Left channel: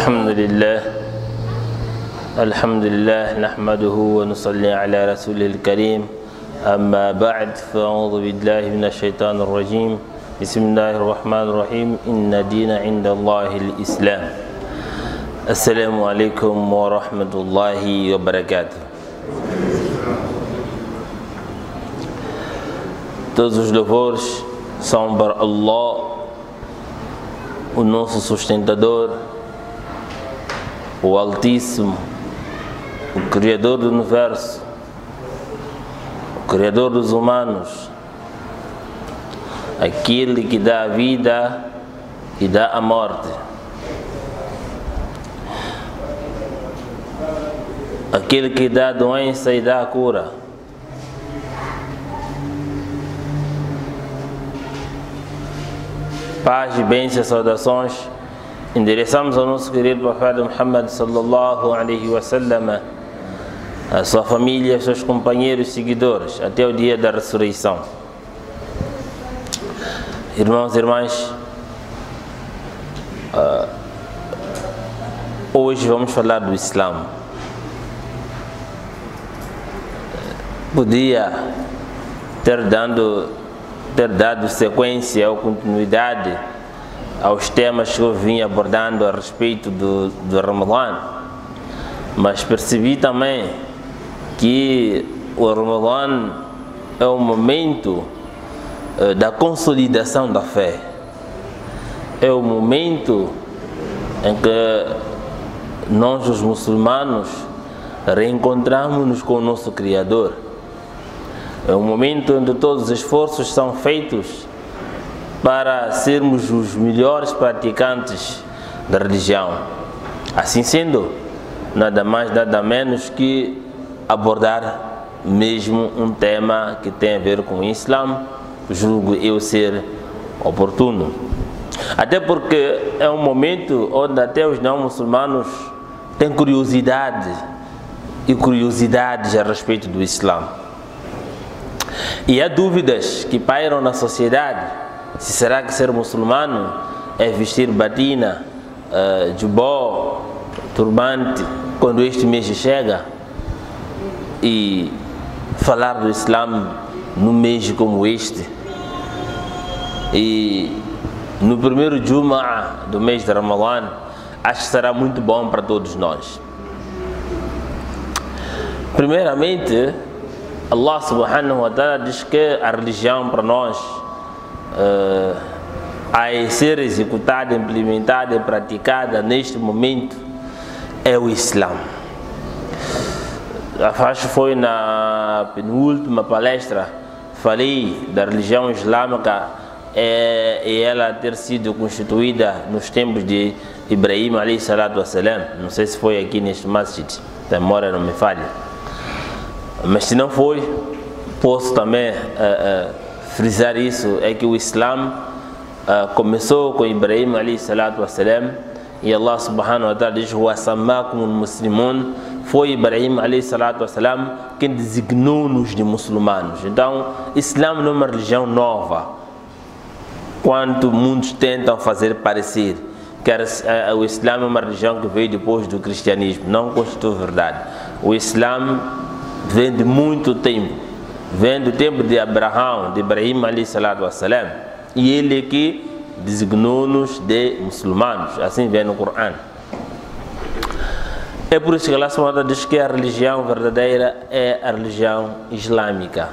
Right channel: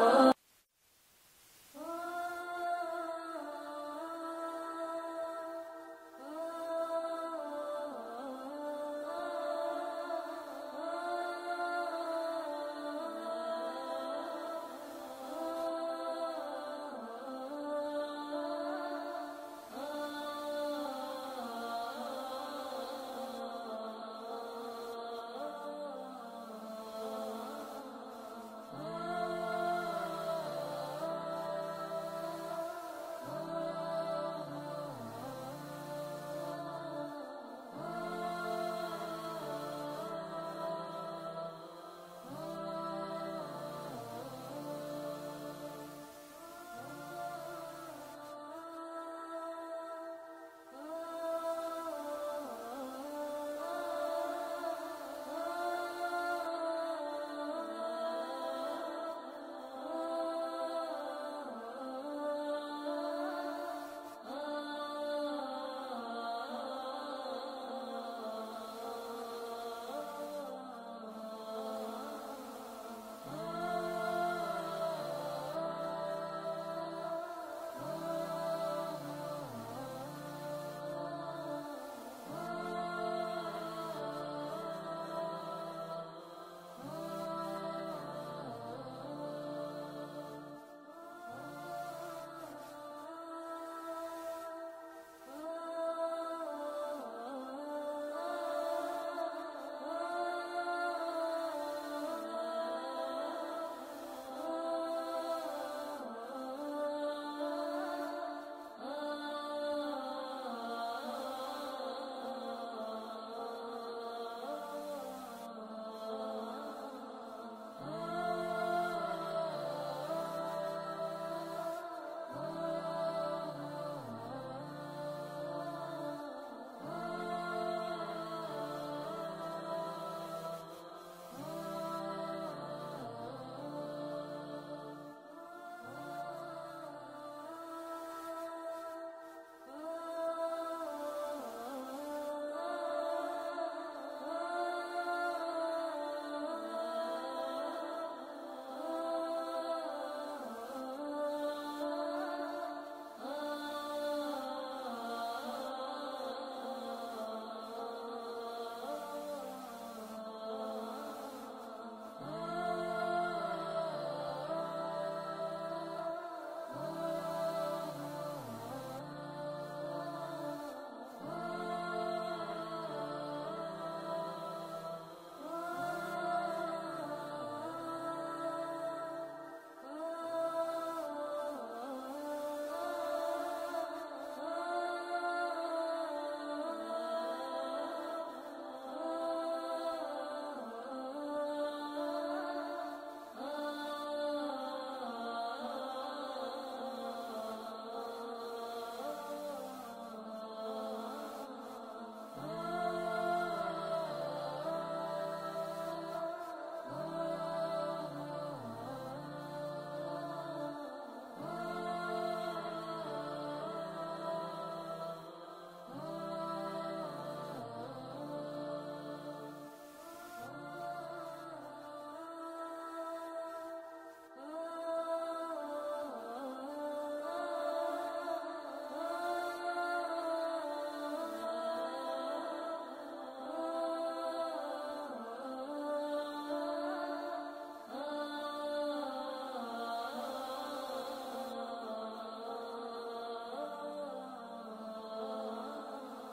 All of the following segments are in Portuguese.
الحمد لله نحمده ونصلي على رسوله الكريم أما بعد فأعوذ بالله من الشيطان الرجيم بسم الله الرحمن الرحيم إن الدين عند الله الإسلام السلام عليكم ورحمة الله وبركاته. Todos os louvores são para Allah, o nosso sustentador, o Altíssimo, o Criador do Universo, o Criador dos humanos, aquele que dá a vida e dá a morte, aquele que dá a doença e dá a cura, paz e bênçãos, saudações endereçamos ao nosso querido profeta Muhammad sallallahu alaihi wasallam, a sua família, aos seus companheiros e seguidores até o dia da ressurreição. Irmãos e irmãs, hoje vamos falar do Islã. Podia ter dado sequência ou continuidade aos temas que eu vim abordando a respeito do Ramadã, mas percebi também que o Ramadã é o momento da consolidação da fé, é o momento em que nós, os muçulmanos, reencontramos-nos com o nosso Criador, é o momento onde todos os esforços são feitos para sermos os melhores praticantes da religião. Assim sendo, nada mais, nada menos que abordar mesmo um tema que tem a ver com o Islã, julgo eu ser oportuno. Até porque é um momento onde até os não muçulmanos têm curiosidades a respeito do Islã. E há dúvidas que pairam na sociedade. Se será que ser muçulmano é vestir batina, jubó, turbante quando este mês chega, e falar do Islã num mês como este, e no primeiro Jumu'ah do mês de Ramadã, acho que será muito bom para todos nós. Primeiramente, Allah subhanahu wa ta'ala diz que a religião para nós a ser executada, implementada e praticada neste momento é o Islã. Acho que foi na penúltima palestra falei da religião islâmica e ela ter sido constituída nos tempos de Ibrahim alayhi salatu wassalam. Não sei se foi aqui neste masjid, a memória não me falha, mas se não foi, posso também frisar isso, é que o Islã começou com Ibrahim alayhi salatu wassalam, e Allah subhanahu wa ta'ala diz: "Wa sammakum muslimun", foi Ibrahim alayhi salatu wassalam quem designou-nos de muçulmanos. Então, Islã não é uma religião nova, quanto muitos tentam fazer parecer que o Islã é uma religião que veio depois do cristianismo. Não constitui verdade. O Islã vem de muito tempo, vem do tempo de Abraão, de Ibrahim alayhi salatu wassalam, e ele é que designou-nos de muçulmanos, assim vem no Corão. É por isso que Allah subhanahu wa ta'ala diz que a religião verdadeira é a religião islâmica.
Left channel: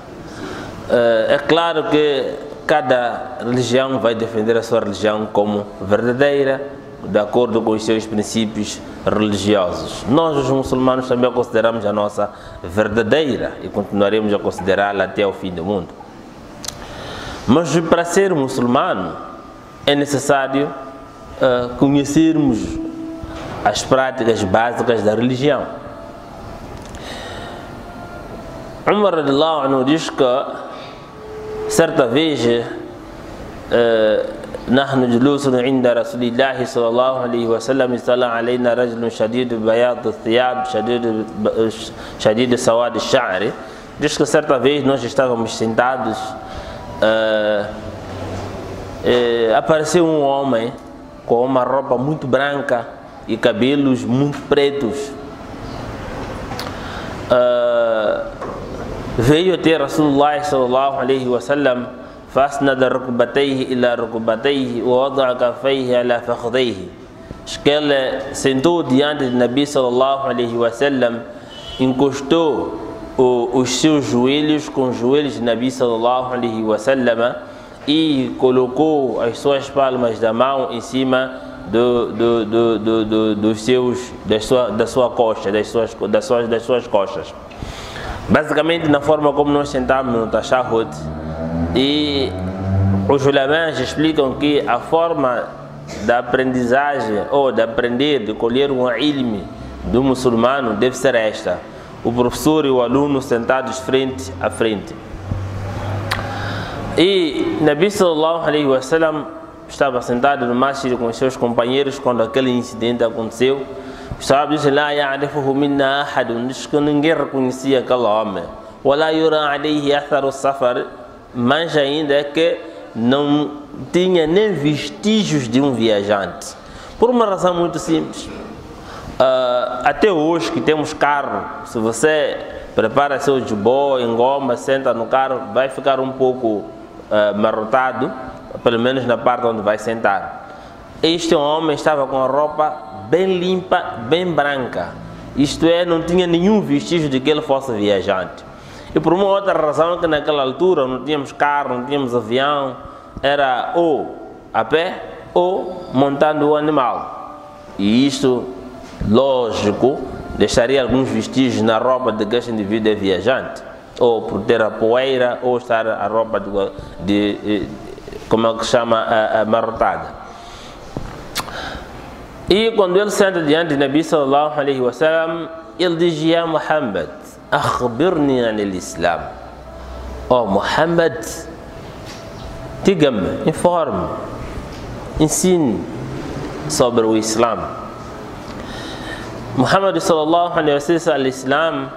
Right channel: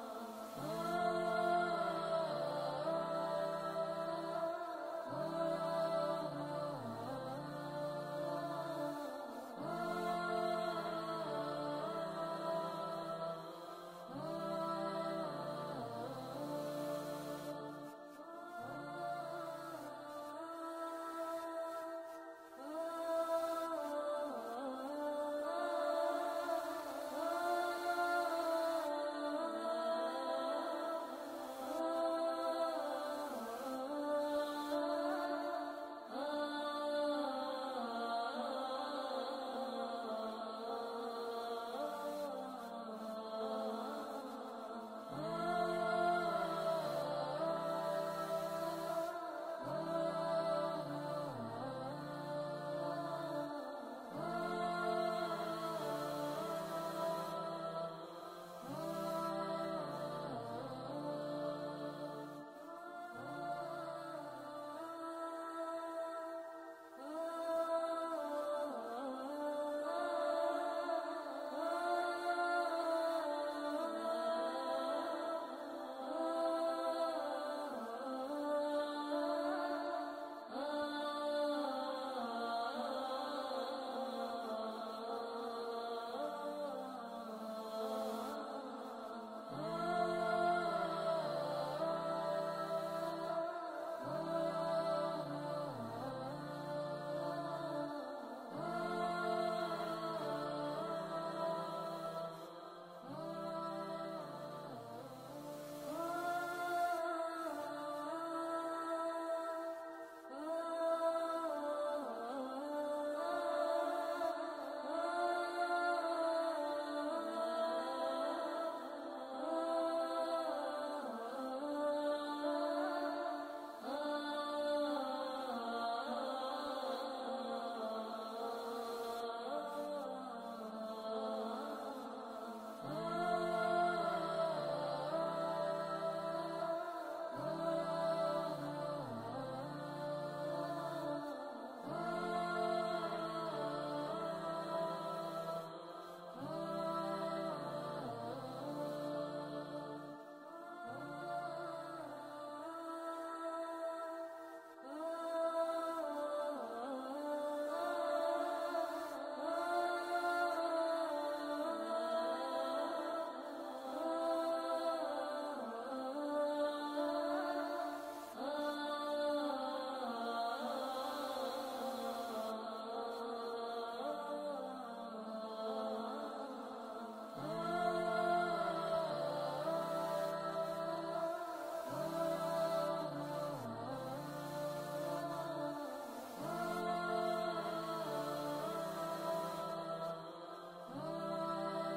É claro que cada religião vai defender a sua religião como verdadeira, de acordo com os seus princípios religiosos. Nós, os muçulmanos, também a consideramos a nossa verdadeira e continuaremos a considerá-la até o fim do mundo. Mas para ser muçulmano é necessário conhecermos as práticas básicas da religião. Umar radhiyallahu anhu diz que certa vez نحن جلوس عند رسول الله صلى الله عليه وسلم اطلع علينا رجل شديد بياض الثياب شديد سواد الشعر. Diz que certa vez nós estávamos sentados, apareceu um homem com uma roupa muito branca e cabelos muito pretos. Veio até Rasulullah sallallahu alaihi wasallam, fasnada rukbatayhi ila rukbatayhi wa wada'a kaffayhi ala fakhidayhi. Ele sentou diante de Nabi sallallahu alaihi wasallam, encostou os seus joelhos com os joelhos de Nabi sallallahu alaihi wasallam e colocou as suas palmas da mão em cima da sua coxa, das suas costas. Basicamente na forma como nós sentamos no tashahhud. E os ulamãs explicam que a forma da aprendizagem ou de aprender, de colher um ilm do muçulmano deve ser esta: o professor e o aluno sentados frente a frente. E Nabi sallallahu alaihi wasallam estava sentado no masjid com os seus companheiros quando aquele incidente aconteceu. Estava dizendo: "La ya'rifuhu minna ahadun", diz que ninguém reconhecia aquele homem. "Wa la yura alayhi atharu safar", mas ainda é que não tinha nem vestígios de um viajante. Por uma razão muito simples. Até hoje que temos carro, se você prepara seu jubó, engoma, senta no carro, vai ficar um pouco marrotado, pelo menos na parte onde vai sentar. Este homem estava com a roupa bem limpa, bem branca. Isto é, não tinha nenhum vestígio de que ele fosse viajante. E por uma outra razão, que naquela altura não tínhamos carro, não tínhamos avião, era ou a pé ou montando o animal. E isto, lógico, deixaria alguns vestígios na roupa de que este indivíduo é viajante, ou por ter a poeira, ou estar a roupa como é que se chama, amarrotada. E quando ele senta diante de Nabi sallallahu alaihi wasallam, ele diz: "Ya Muhammad, akhbirni anil Islam." Oh Muhammad, diga-me, informe, ensine sobre o Islam. Muhammad sallallahu alaihi wasallam, al-Islam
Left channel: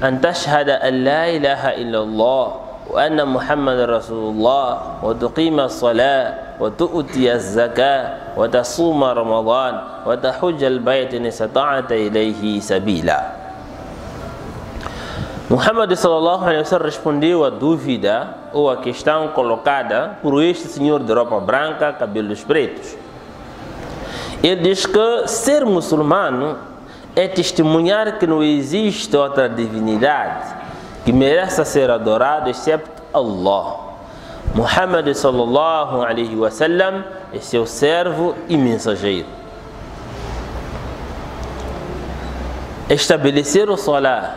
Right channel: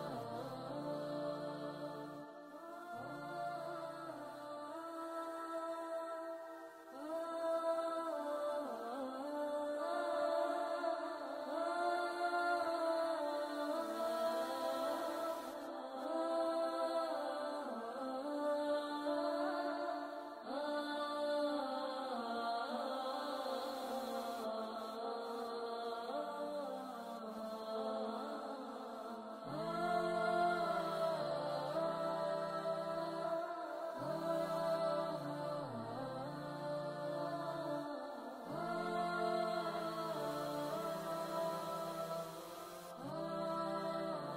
an tashhada an la ilaha illallah wa anna Muhammad Rasulullah wa tuqima as-salat wa tu'ti az-zakah wa tasuma Ramadan wa tahujja al-bayt in istata'ta ilayhi sabila. Muhammad sallallahu alaihi wasallam respondeu a dúvida ou a questão colocada por este senhor de roupa branca, cabelos pretos. Ele diz que ser muçulmano é testemunhar que não existe outra divindade que mereça ser adorado excepto Allah. Muhammad sallallahu alaihi wasallam é seu servo e mensageiro. Estabelecer o salat,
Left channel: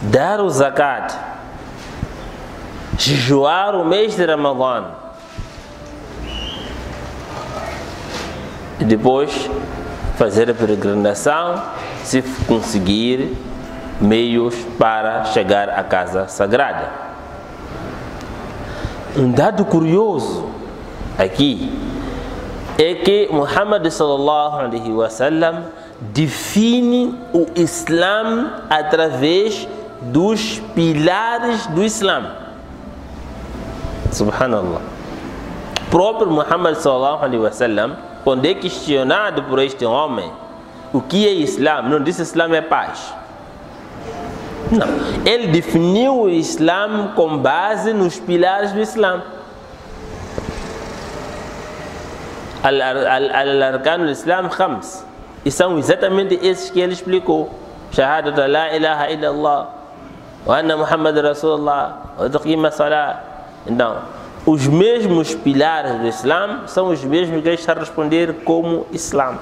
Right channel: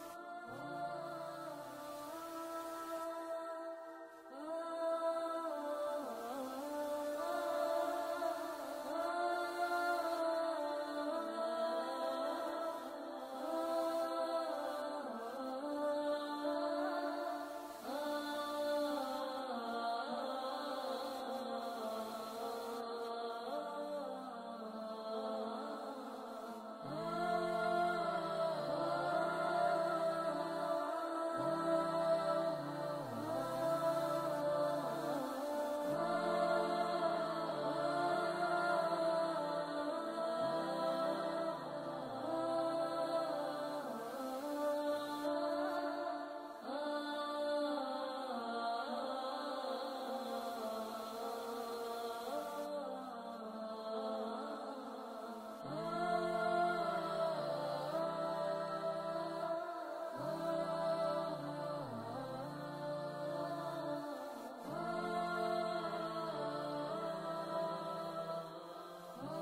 dar o zakat, jejuar o mês de Ramadã e depois fazer a peregrinação, se conseguir meios para chegar à casa sagrada. Um dado curioso aqui é que Muhammad sallallahu alaihi wasallam define o Islã através dos pilares do Islã. Subhanallah. O próprio Muhammad sallallahu alaihi wasallam, quando é questionado por este homem o que é Islã, não disse Islã é paz. Não. Ele definiu o Islã com base nos pilares do Islã. Al-Arkan al-Islam khams. E são exatamente esses que ele explicou: Shahadat la ilaha illallah wa anna Muhammad Rasulullah wa tuqima as-salat. Então, os mesmos pilares do Islã são os mesmos que ele está a responder como Islã.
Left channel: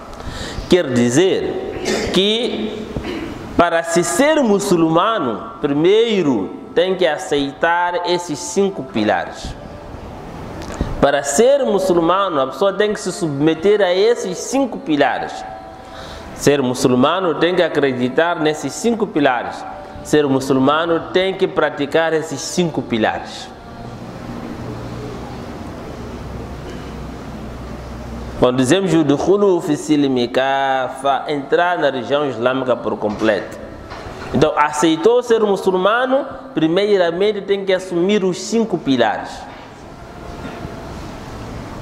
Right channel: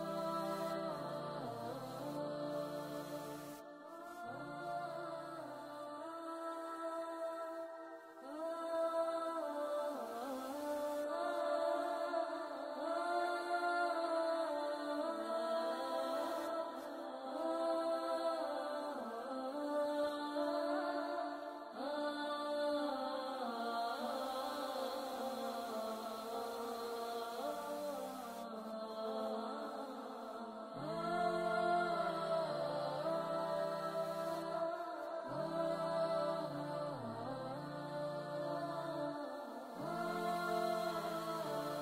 Quer dizer que para se ser muçulmano, primeiro tem que aceitar esses 5 pilares. Para ser muçulmano, a pessoa tem que se submeter a esses 5 pilares. Ser muçulmano tem que acreditar nesses 5 pilares. Ser muçulmano tem que praticar esses 5 pilares. Quando dizemos o dukhulu fi silmi kafa, entrar na religião islâmica por completo. Então, aceitou ser muçulmano, primeiramente tem que assumir os 5 pilares.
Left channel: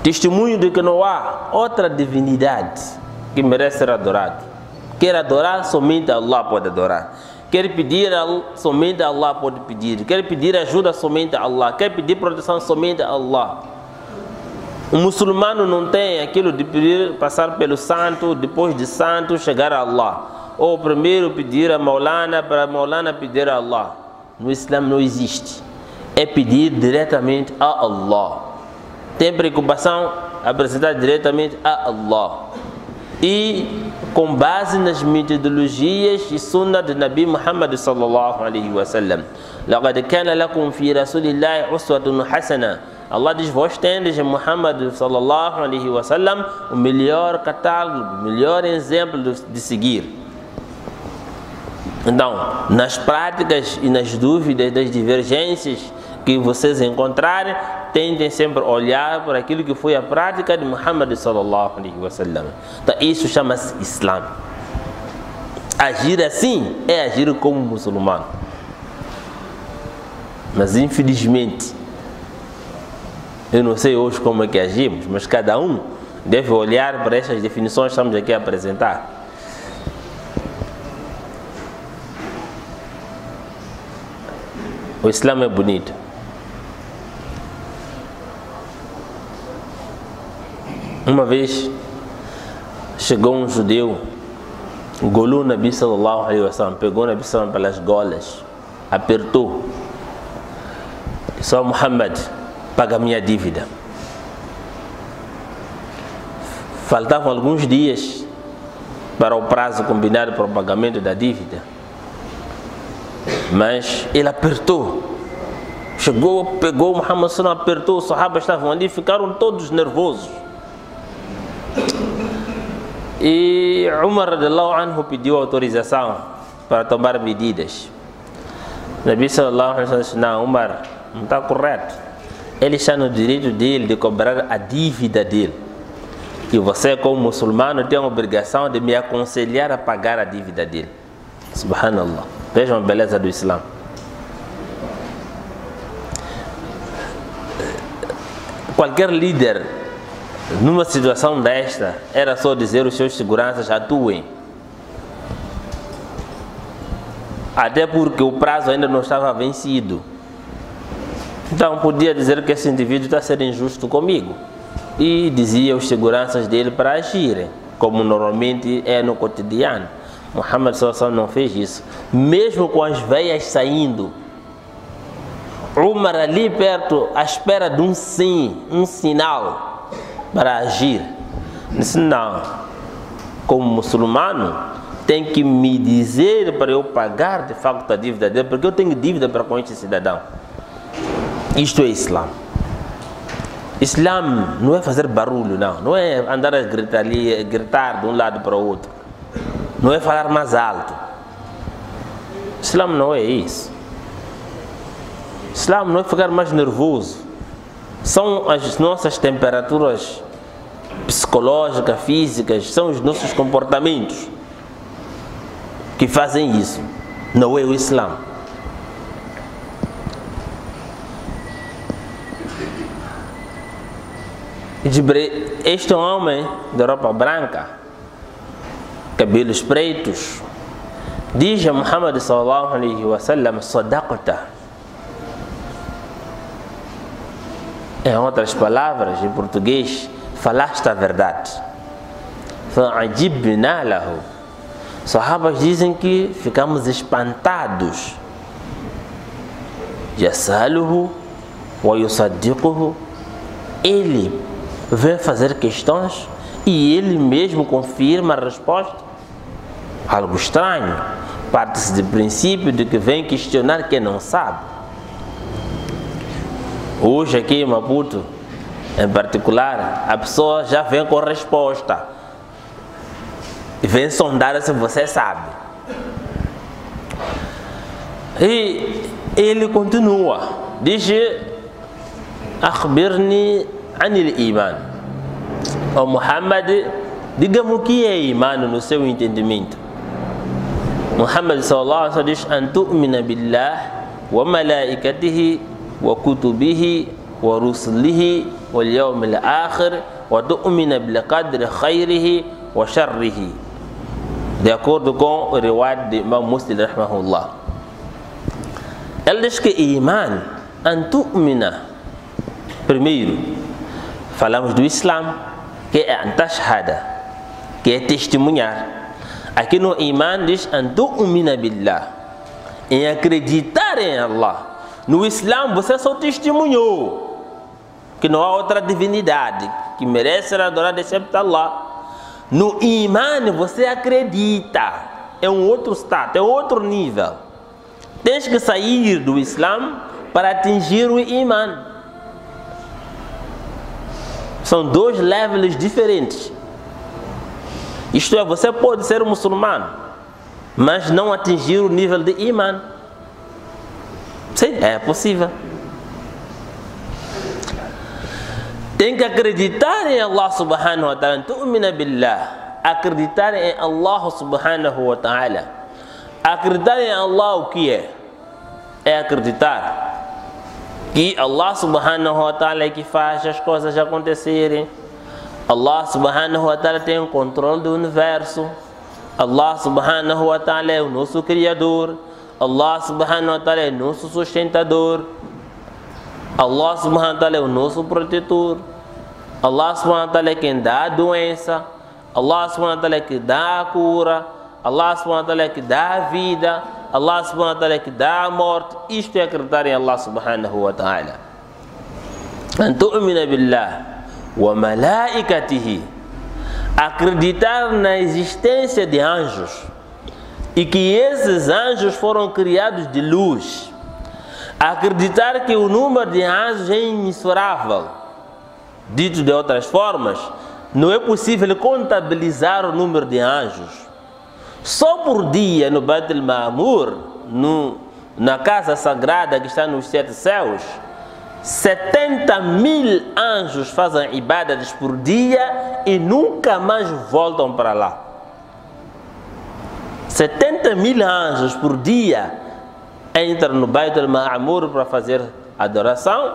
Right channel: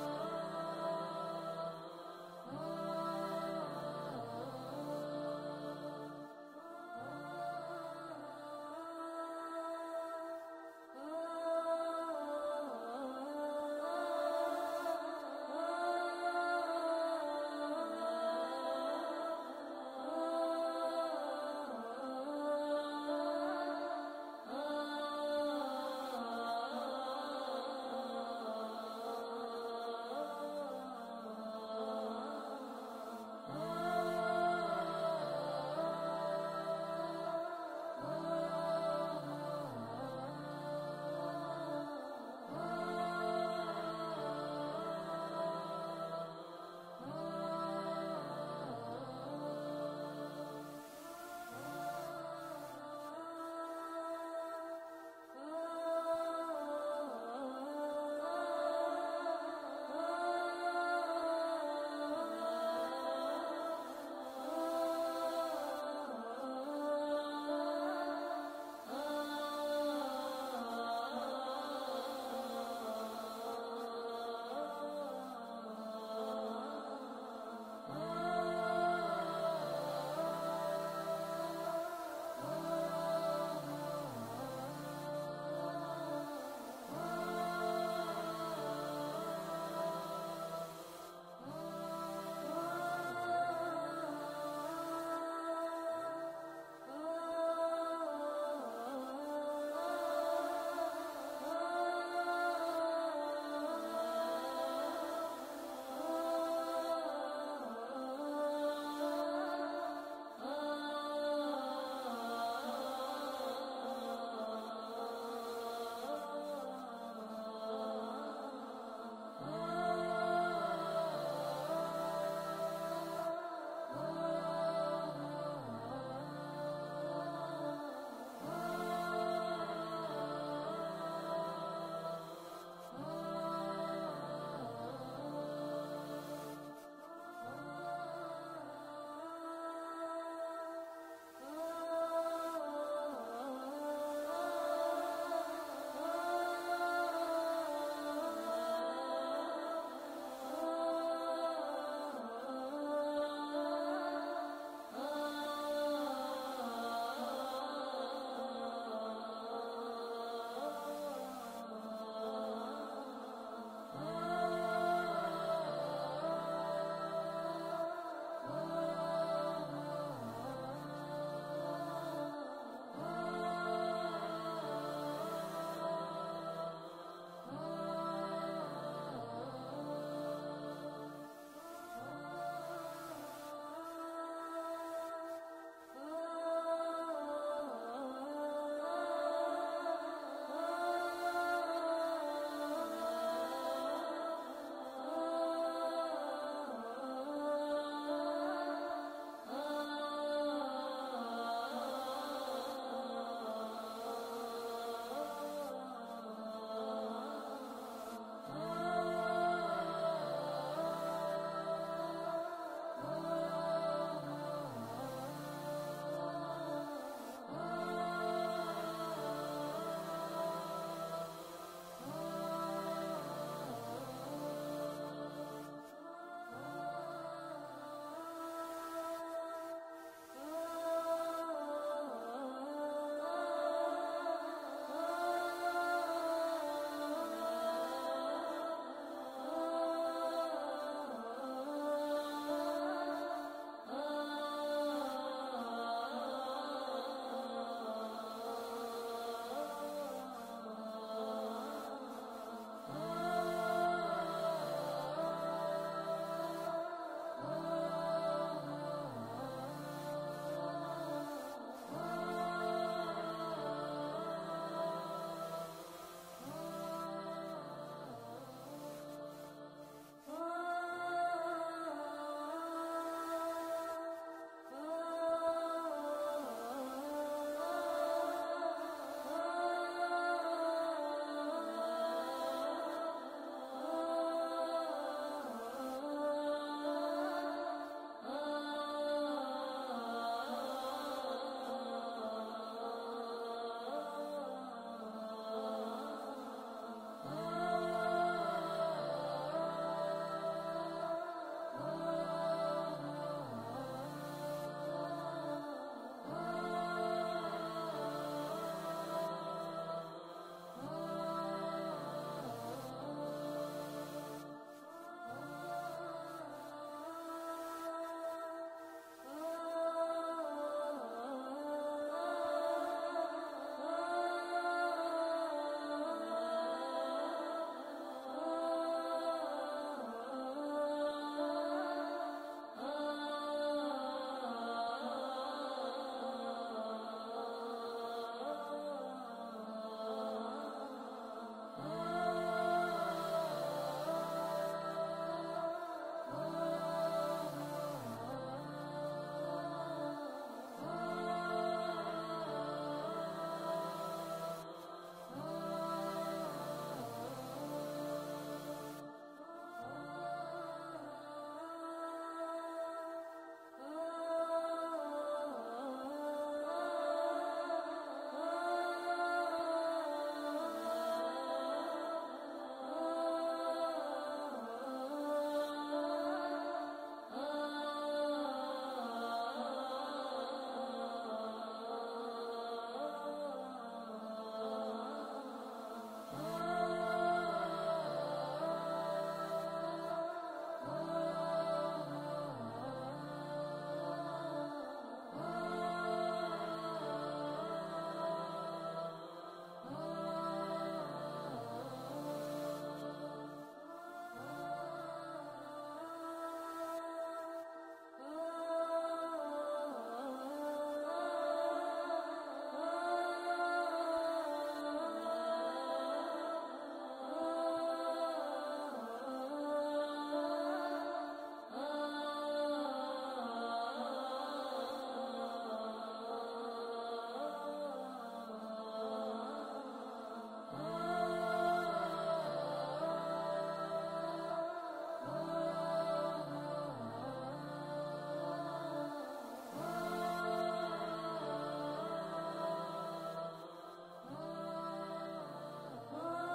Testemunho de que não há outra divindade que merece ser adorado. Quer adorar, somente Allah pode adorar. Quer pedir, somente Allah pode pedir. Quer pedir ajuda, somente Allah. Quer pedir proteção, somente Allah. O muçulmano não tem aquilo de pedir, passar pelo santo, depois de santo chegar a Allah. Ou primeiro pedir a Maulana, para Maulana pedir a Allah. No Islã não existe. É pedir diretamente a Allah. Tem preocupação, apresentar diretamente a Allah. E com base nas metodologias e sunnah de Nabi Muhammad sallallahu alaihi wasallam. لَقَدْ كَانَ لَكُمْ فِي رَسُولِ اللَّهِ أُسْوَةٌ حَسَنَةٌ. Allah diz, vós tendes em Muhammad sallallahu alaihi wasallam o melhor catálogo, o melhor exemplo de seguir. Então, nas práticas e nas dúvidas, das divergências que vocês encontrarem, tentem sempre olhar por aquilo que foi a prática de Muhammad sallallahu alaihi wasallam. Então, isso chama-se Islã. Agir assim é agir como muçulmano. Mas infelizmente, eu não sei hoje como é que agimos, mas cada um deve olhar para estas definições que estamos aqui a apresentar. O Islã é bonito. Uma vez chegou um judeu, golou o Nabi sallallahu alaihi wasallam, pegou o Nabi sallallahu pelas golas, apertou. Disse: "Ó Muhammad, paga minha dívida." Faltavam alguns dias para o prazo combinado para o pagamento da dívida, mas ele apertou. Chegou, pegou o Muhammad sallallahu, apertou, os sahabas estavam ali, ficaram todos nervosos. E Umar radiallahu anhu pediu autorização para tomar medidas. Nabi sallallahu alaihi wasallam disse: "Não, Umar, não está correto. Ele está no direito dele de cobrar a dívida dele. E você, como muçulmano, tem a obrigação de me aconselhar a pagar a dívida dele." Subhanallah. Vejam a beleza do Islã. Qualquer líder, numa situação desta, era só dizer aos seus seguranças: atuem. Até porque o prazo ainda não estava vencido. Então podia dizer que esse indivíduo está sendo injusto comigo. E dizia aos seguranças dele para agirem, como normalmente é no cotidiano. Muhammad sallallahu alaihi wasallam não fez isso. Mesmo com as veias saindo, Umar ali perto, à espera de um sim, um sinal para agir. Disse: "Não, como muçulmano, tem que me dizer para eu pagar de facto a dívida dele, porque eu tenho dívida para com este cidadão." Isto é Islã. Islã não é fazer barulho, não é andar a gritar de um lado para o outro, não é falar mais alto. Islã não é isso. Islã não é ficar mais nervoso. São as nossas temperaturas psicológicas, físicas, são os nossos comportamentos que fazem isso. Não é o Islã. Este homem de roupa branca, cabelos pretos, diz a Muhammad sallallahu alaihi wasallam: "Sadaqta." Em outras palavras, em português, falaste a verdade. Fa'ajibna lahu. Sahabas dizem que ficamos espantados. Yasaluhu wa yusaddiquhu. Ele vem fazer questões e ele mesmo confirma a resposta. Algo estranho. Parte-se do princípio de que vem questionar quem não sabe. Hoje aqui em Maputo, em particular, a pessoa já vem com resposta e vem sondar se você sabe. E ele continua, diz: "Akhbirni anil iman." O Muhammad, diga-me o que é iman no seu entendimento. Muhammad sallallahu alaihi wasallam diz: "An tu'mina billah wa malaikatihi wa kutubihi wa rusulihi واليوم الآخر وتؤمن بالقدر خيره وشره. De acordo com o riwayat de Imam Muslim rahimahullah. Ele diz que iman, antu'mina. Primeiro, falamos do Islam, que é antashhada, que é testemunhar. Aqui no iman diz antu'mina billah, em acreditar em Allah. No Islam você só testemunhou que não há outra divindade que merece ser adorada exceto Allah. No iman você acredita, é um outro status, é outro nível. Tens que sair do Islam para atingir o iman. São dois levels diferentes. Isto é, você pode ser muçulmano, mas não atingir o nível de iman. Sim, é possível. Tem que acreditar em Allah subhanahu wa ta'ala. Tu'mina billah. Acreditar em Allah subhanahu wa ta'ala. Acreditar em Allah o que é? É acreditar que Allah subhanahu wa ta'ala é que faz as coisas acontecerem. Allah subhanahu wa ta'ala tem o controle do universo. Allah subhanahu wa ta'ala é o nosso criador. Allah subhanahu wa ta'ala é o nosso sustentador. Allah subhanahu wa ta'ala é o nosso protetor. Allah subhanahu wa ta'ala é quem dá a doença. Allah subhanahu wa ta'ala é que dá a cura. Allah subhanahu wa ta'ala é que dá a vida. Allah subhanahu wa ta'ala é que dá a morte. Isto é acreditar em Allah subhanahu wa ta'ala. An tu'mina billah wa malaikatihi. Acreditar na existência de anjos e que esses anjos foram criados de luz. Acreditar que o número de anjos é imensurável. Dito de outras formas, não é possível contabilizar o número de anjos. Só por dia no Beit al-Ma'mur, na casa sagrada que está nos 7 céus, 70.000 anjos fazem ibadas por dia e nunca mais voltam para lá. 70.000 anjos por dia entram no Beit al-Ma'mur para fazer adoração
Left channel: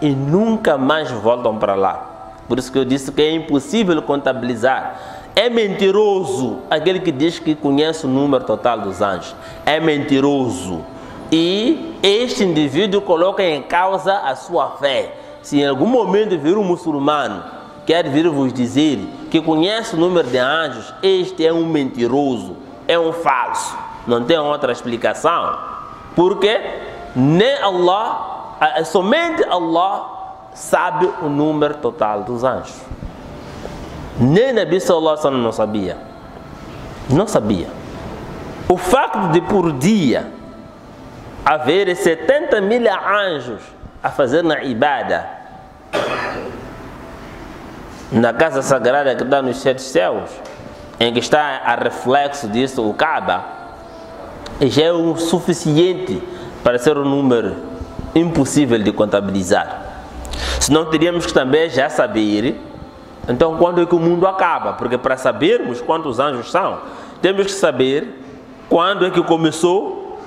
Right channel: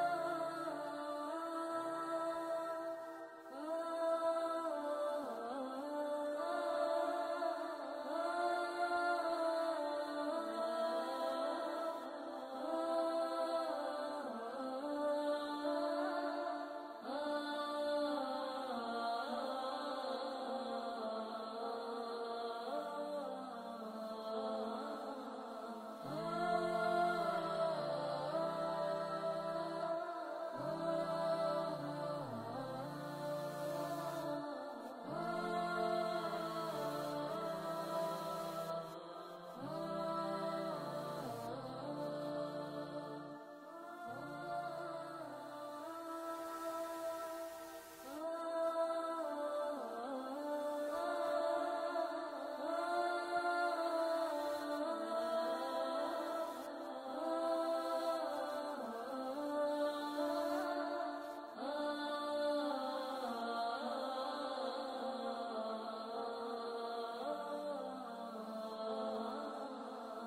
e nunca mais voltam para lá. Por isso que eu disse que é impossível contabilizar. É mentiroso aquele que diz que conhece o número total dos anjos. É mentiroso. E este indivíduo coloca em causa a sua fé. Se em algum momento vir um muçulmano quer vir vos dizer que conhece o número de anjos, este é um mentiroso, é um falso. Não tem outra explicação. Porque nem Allah, somente Allah sabe o número total dos anjos. Nem Nabi sallallahu alaihi wasallam não sabia. Não sabia. O facto de por dia haver 70.000 anjos a fazer na ibada na casa sagrada que está nos 7 céus, em que está a reflexo disso o Kaaba, já é o suficiente para ser um número impossível de contabilizar. Senão teríamos que também já saber, então, quando é que o mundo acaba? Porque para sabermos quantos anjos são, temos que saber quando é que começou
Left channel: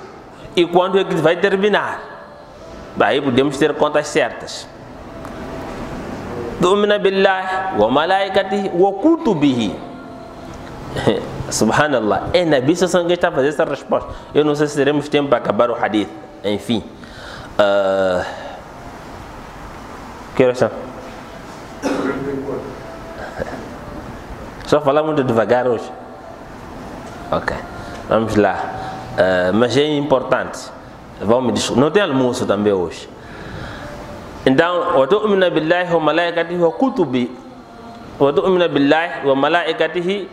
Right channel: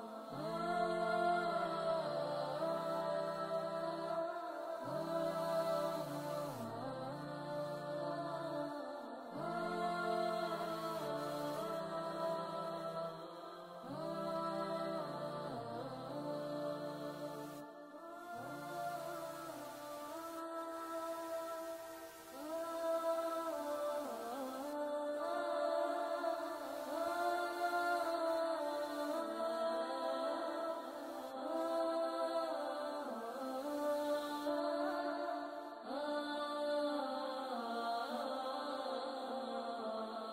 e quando é que vai terminar. Aí podemos ter contas certas. Tu'mina billahi wa malaikatihi wa kutubihi. Subhanallah. É Nabi sallallahu alaihi wasallam que está a fazer essa resposta. Eu não sei se teremos tempo para acabar o hadith. Enfim. Que horas são? Só falar muito devagar hoje. Ok. Vamos lá. Mas é importante. Não tem almoço também hoje. Então, wa tu'mina billahi wa malaikatihi wa kutubi. Wa tu'mina billahi wa malaikatihi.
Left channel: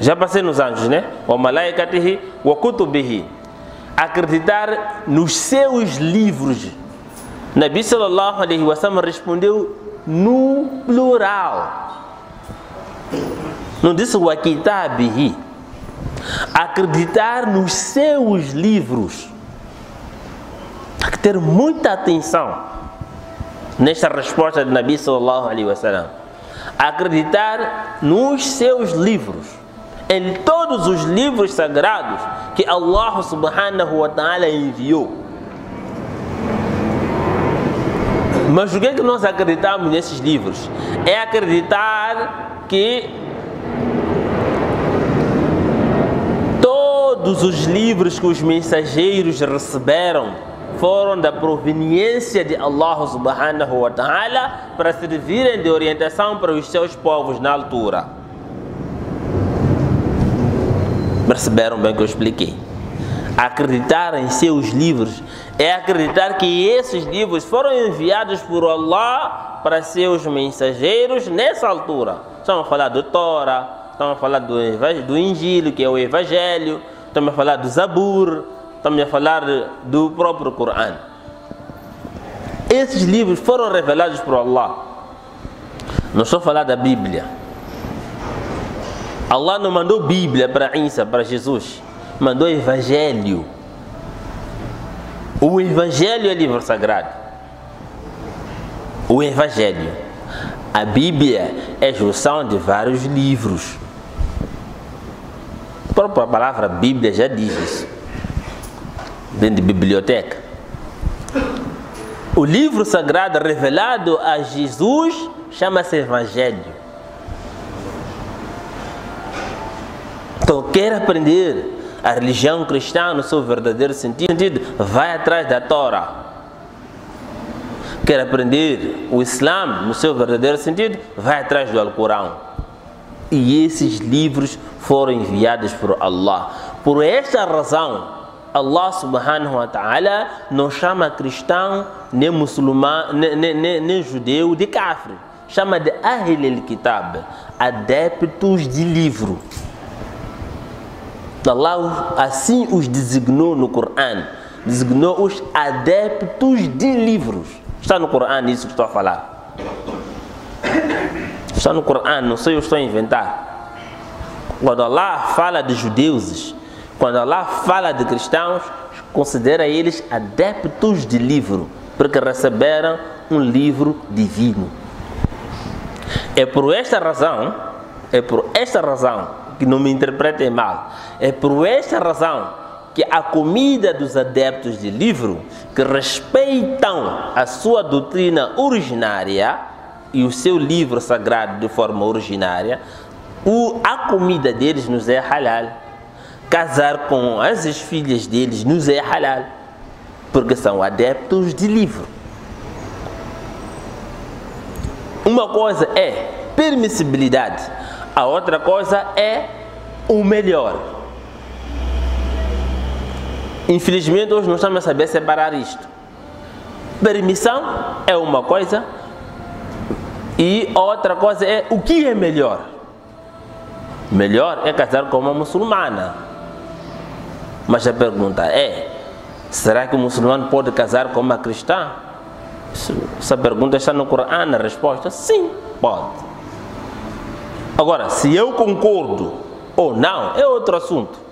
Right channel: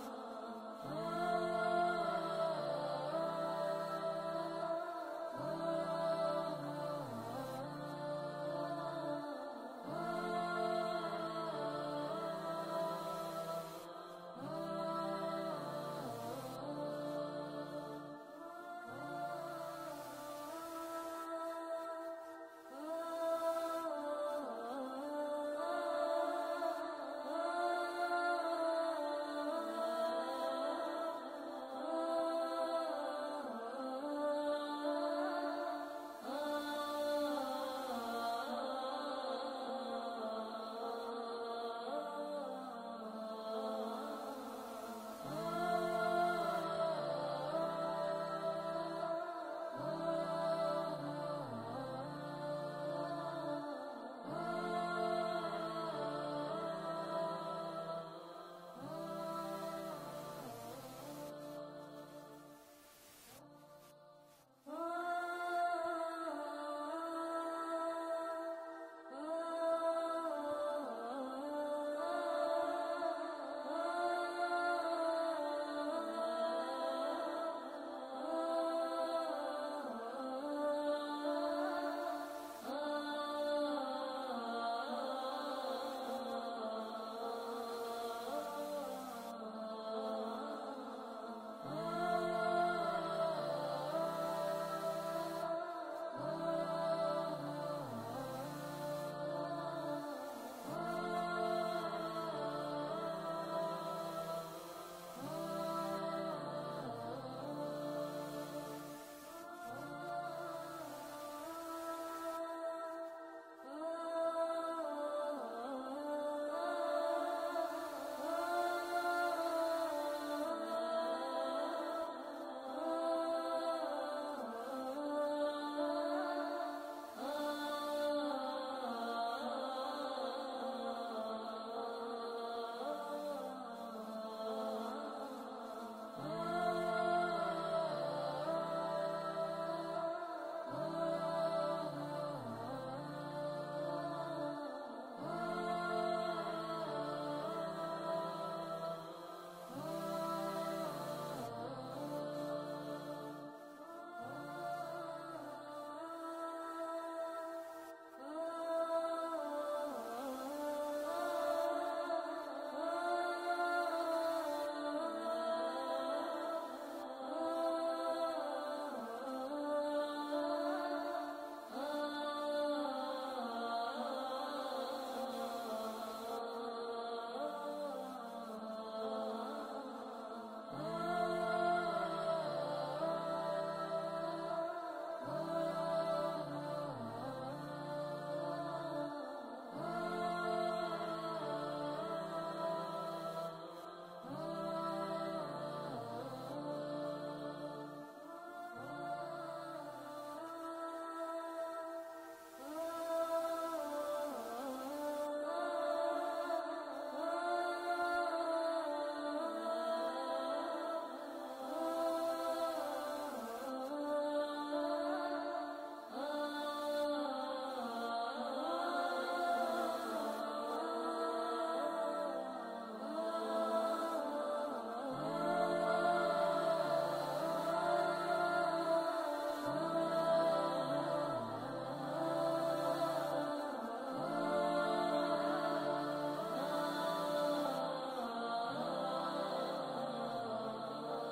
Já passei nos anjos, né? Wa malaikatihi wa kutubihi. Acreditar nos seus livros. Nabi sallallahu alaihi wasallam respondeu no plural. Não disse wa kitabihi. Acreditar nos seus livros. Tem que ter muita atenção nesta resposta de Nabi sallallahu alaihi wasallam. Acreditar nos seus livros, em todos os livros sagrados que Allah subhanahu wa ta'ala enviou. Mas o que é que nós acreditamos nesses livros? É acreditar que todos os livros que os mensageiros receberam foram da proveniência de Allah subhanahu wa ta'ala para servirem de orientação para os seus povos na altura. Perceberam bem o que eu expliquei? Acreditar em seus livros é acreditar que esses livros foram enviados por Allah para seus mensageiros nessa altura. Estamos a falar do Torá, estamos a falar do Injil, que é o Evangelho, estamos a falar do Zabur, estamos a falar do próprio Corão. Esses livros foram revelados por Allah. Não estou a falar da Bíblia. Allah não mandou Bíblia para Isa, para Jesus. Mandou Evangelho. O Evangelho é livro sagrado. O Evangelho. A Bíblia é junção de vários livros. A própria palavra Bíblia já diz isso. Vem de biblioteca. O livro sagrado revelado a Jesus chama-se Evangelho. Então, quer aprender a religião cristã no seu verdadeiro sentido, vai atrás da Torá. Quer aprender o Islã no seu verdadeiro sentido, vai atrás do Alcorão. E esses livros foram enviados por Allah. Por esta razão, Allah subhanahu wa ta'ala não chama cristão, nem muçulmano, nem judeu de kafir. Chama de Ahl al-Kitab, adeptos de livro. Allah assim os designou no Corão, designou os adeptos de livros. Está no Corão isso que estou a falar. Está no Corão, não sei, eu estou a inventar. Quando Allah fala de judeus, quando Allah fala de cristãos, considera eles adeptos de livro, porque receberam um livro divino. É por esta razão, que não me interpretem mal, é por esta razão que a comida dos adeptos de livro, que respeitam a sua doutrina originária e o seu livro sagrado de forma originária, a comida deles nos é halal. Casar com as filhas deles nos é halal, porque são adeptos de livro. Uma coisa é permissibilidade, a outra coisa é o melhor. Infelizmente hoje não estamos a saber separar isto. Permissão é uma coisa e outra coisa é o que é melhor. Melhor é casar com uma muçulmana. Mas a pergunta é, será que o muçulmano pode casar com uma cristã? Essa pergunta está no Corão, a resposta sim, pode. Agora, se eu concordo ou não, é outro assunto.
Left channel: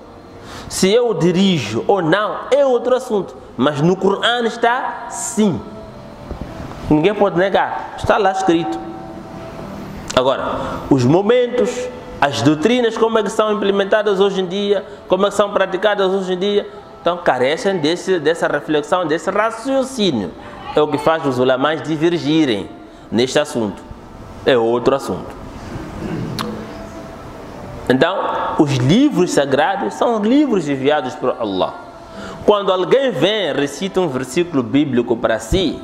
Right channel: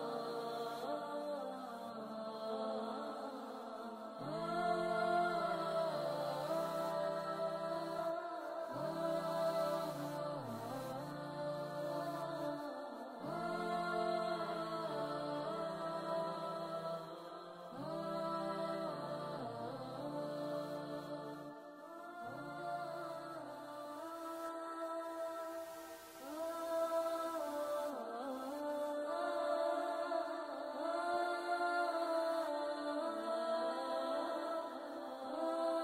Se eu dirijo ou não, é outro assunto. Mas no Corão está sim. Ninguém pode negar, está lá escrito. Agora, os momentos, as doutrinas, como é que são implementadas hoje em dia, como é que são praticadas hoje em dia, então carecem dessa reflexão, desse raciocínio. É o que faz os ulamás divergirem neste assunto. É outro assunto. Então, os livros sagrados são livros enviados por Allah. Quando alguém vem, recita um versículo bíblico para si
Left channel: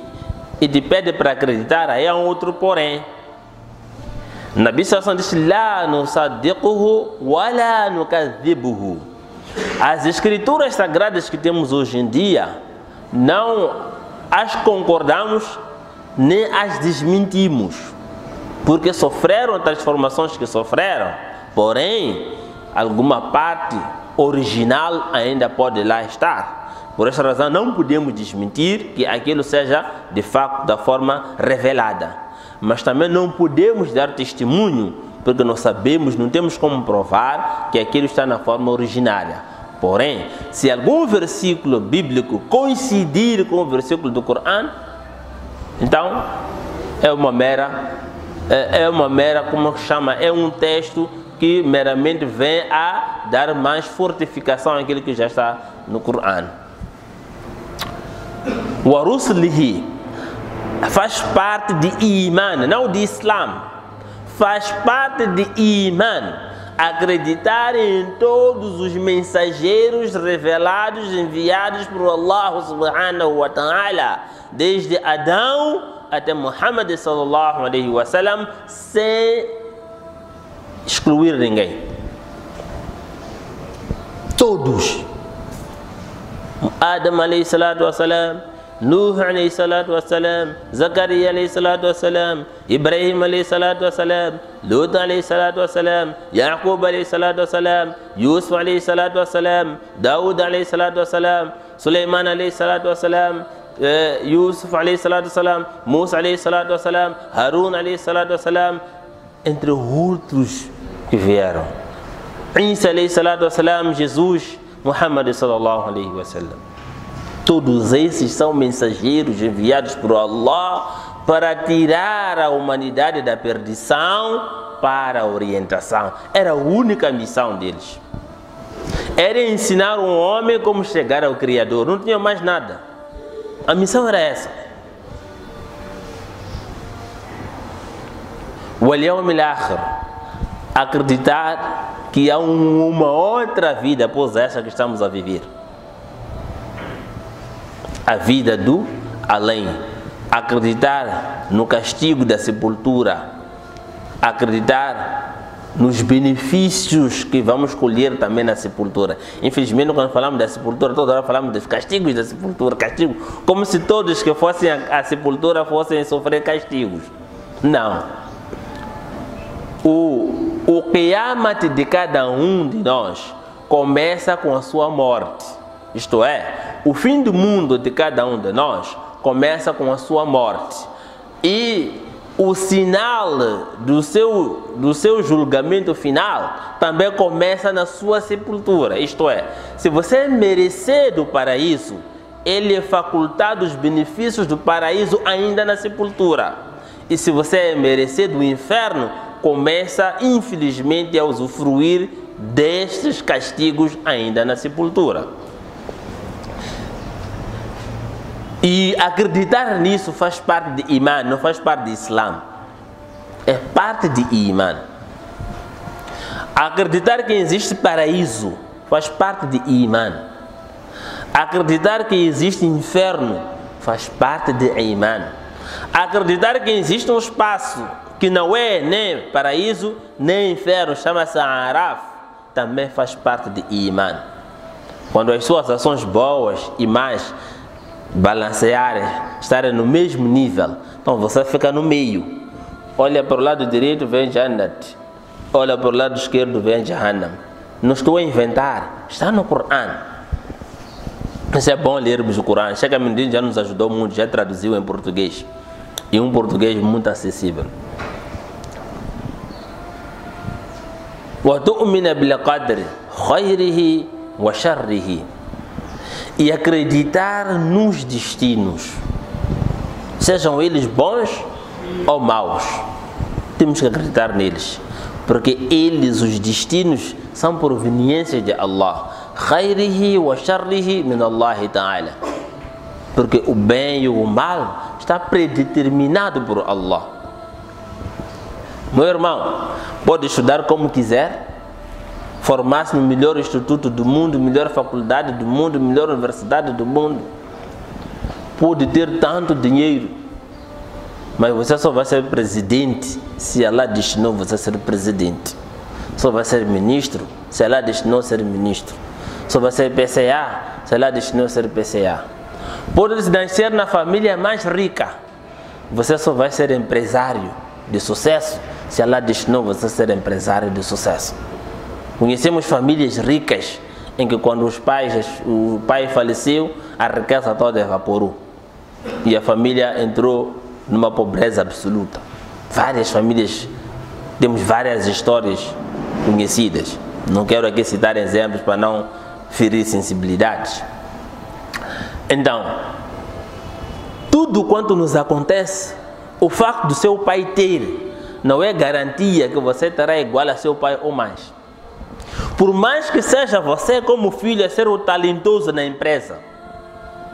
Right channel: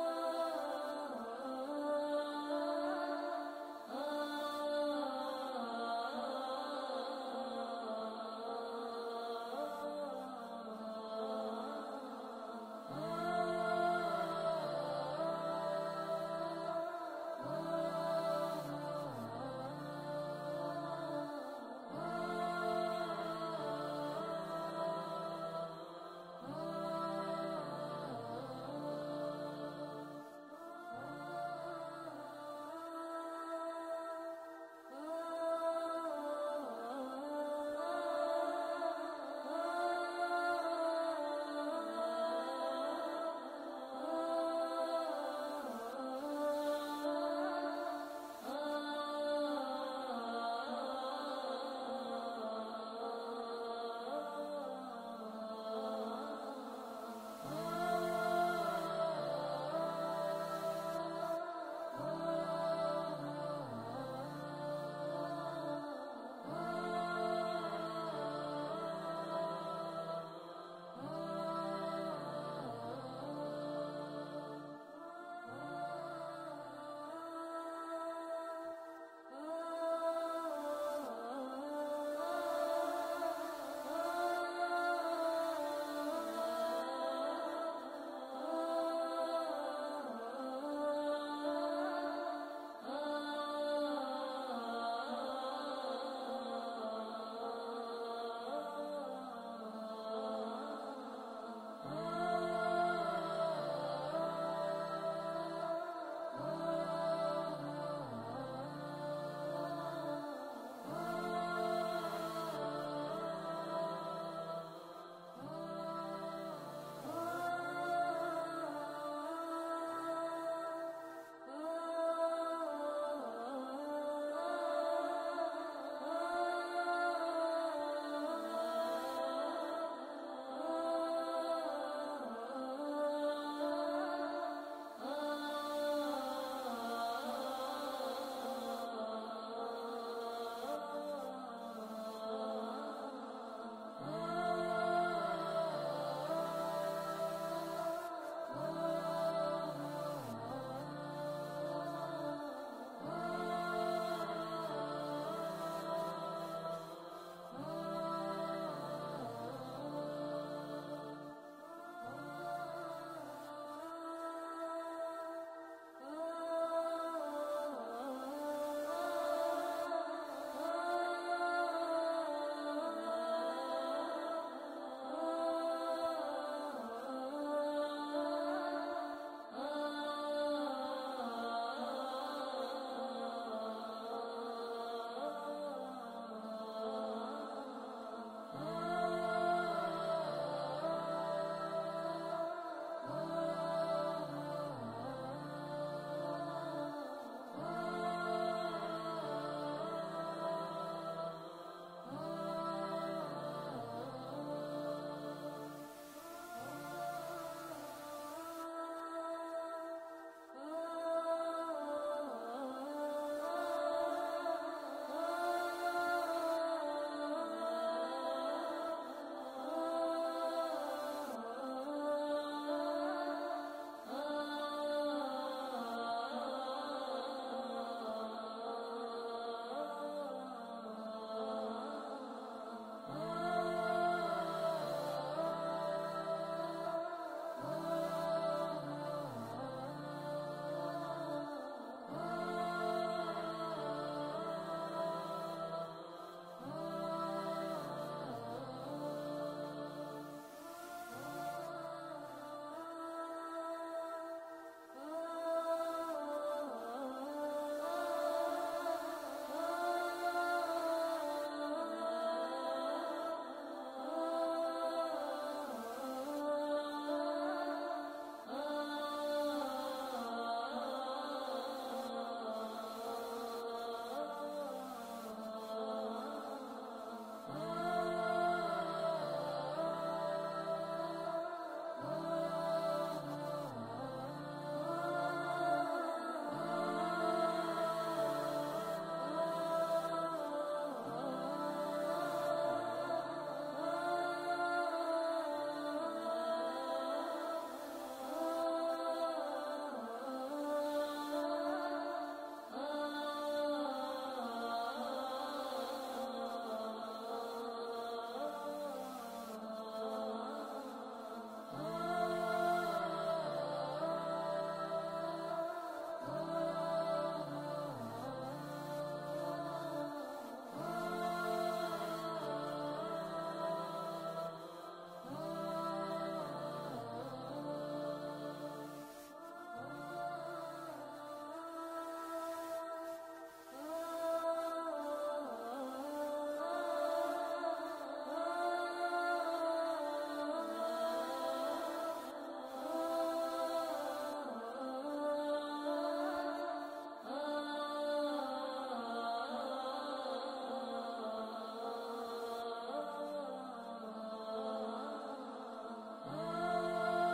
e te pede para acreditar, aí é um outro porém. Nabi sallallahu alaihi wasallam diz: "La nusaddiquhu wa la nukadhibuhu." As escrituras sagradas que temos hoje em dia, não as concordamos nem as desmentimos, porque sofreram transformações que sofreram, porém, alguma parte original ainda pode lá estar. Por essa razão, não podemos desmentir que aquilo seja de facto da forma revelada. Mas também não podemos dar testemunho, porque não sabemos, não temos como provar que aquilo está na forma originária. Porém, se algum versículo bíblico coincidir com o versículo do Corão, então é uma mera, como chama, é um texto que meramente vem a dar mais fortificação àquilo que já está no Corão. Wa rusulihi, faz parte de Iman, não de Islam. Faz parte de Iman. Acreditar em todos os mensageiros revelados, enviados por Allah subhanahu wa ta'ala, desde Adão até Muhammad sallallahu alaihi wasallam, sem excluir ninguém. Todos. Adam alayhi salatu wassalam, Nuh alayhi salatu wassalam, Zakaria alayhi salatu wassalam, Ibrahim alayhi salatu wassalam, Lut alayhi salatu wassalam, Yaqub alayhi salatu wassalam, Yusuf alayhi salatu wassalam, Daud alayhi salatu wassalam, Sulaiman alayhi salatu wassalam, Yusuf alayhi salatu wassalam, Musa alayhi salatu wassalam, Harun alayhi salatu wassalam, entre outros que vieram. Isa alayhi salatu wassalam, Jesus, Muhammad sallallahu alayhi wasallam. Todos esses são mensageiros enviados por Allah para tirar a humanidade da perdição para a orientação. Era a única missão deles. Era ensinar um homem como chegar ao Criador. Não tinha mais nada. A missão era essa. وَالْيَوْمِ الْآخِرِ, acreditar que há uma outra vida após essa que estamos a viver. A vida do além. Acreditar no castigo da sepultura. Acreditar nos benefícios que vamos colher também na sepultura. Infelizmente, quando falamos da sepultura, toda hora falamos dos castigos da sepultura. Castigo, como se todos que fossem à sepultura fossem sofrer castigos. Não. O qiyamat de cada um de nós começa com a sua morte. Isto é, o fim do mundo de cada um de nós começa com a sua morte. E o sinal do seu julgamento final também começa na sua sepultura. Isto é, se você é merecer do paraíso, ele é facultado os benefícios do paraíso ainda na sepultura. E se você é merecer do inferno, começa infelizmente a usufruir destes castigos ainda na sepultura. E acreditar nisso faz parte de Iman, não faz parte de Islam. É parte de Iman. Acreditar que existe paraíso faz parte de Iman. Acreditar que existe inferno faz parte de Iman. Acreditar que existe um espaço que não é nem paraíso, nem inferno, chama-se Araf, também faz parte de Iman. Quando as suas ações boas e más balancearem, estarem no mesmo nível, então você fica no meio. Olha para o lado direito, vem Jannat. Olha para o lado esquerdo, vem Jahannam. Não estou a inventar, está no Coran. Isso é bom lermos o Coran. Chega Mendes já nos ajudou muito, já traduziu em português. E um português muito acessível. وَتُؤْمِنَ بِالْقَدْرِ خَيْرِهِ وَشَرِّهِ, e acreditar nos destinos, sejam eles bons ou maus. Temos que acreditar neles, porque eles, os destinos, são proveniências de Allah. خَيْرِهِ وَشَرِّهِ مِنَ اللَّهِ تَعَالَى, porque o bem e o mal está predeterminado por Allah. Meu irmão, pode estudar como quiser, formar-se no melhor instituto do mundo, melhor faculdade do mundo, melhor universidade do mundo. Pode ter tanto dinheiro, mas você só vai ser presidente se Allah destinou você a ser presidente. Só vai ser ministro se Allah destinou a ser ministro. Só vai ser PCA se Allah destinou a ser PCA. Pode nascer na família mais rica, você só vai ser empresário de sucesso se Allah destinou você a ser empresário de sucesso. Conhecemos famílias ricas em que quando o pai faleceu, a riqueza toda evaporou e a família entrou numa pobreza absoluta. Várias famílias, temos várias histórias conhecidas. Não quero aqui citar exemplos para não ferir sensibilidades. Então, tudo quanto nos acontece, o facto do seu pai ter não é garantia que você terá igual a seu pai ou mais. Por mais que seja você como filho a ser o talentoso na empresa,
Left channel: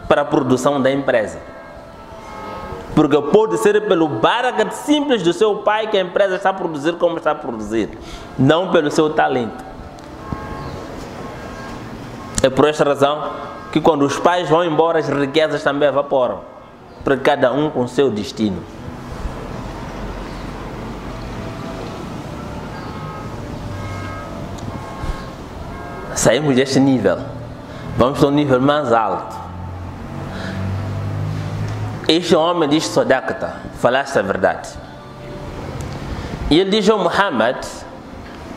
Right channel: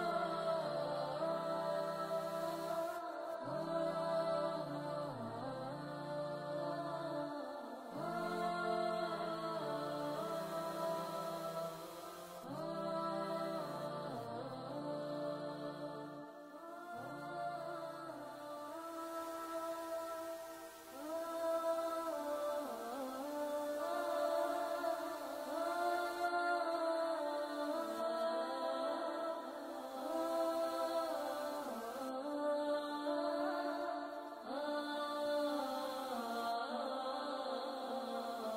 para a produção da empresa. Porque pode ser pelo barakat simples do seu pai que a empresa está a produzir como está a produzir, não pelo seu talento. É por esta razão que quando os pais vão embora, as riquezas também evaporam, para cada um com seu destino. Saímos deste nível, vamos para um nível mais alto. Este homem diz: Sodaqta, falaste a verdade. E ele diz ao Muhammad:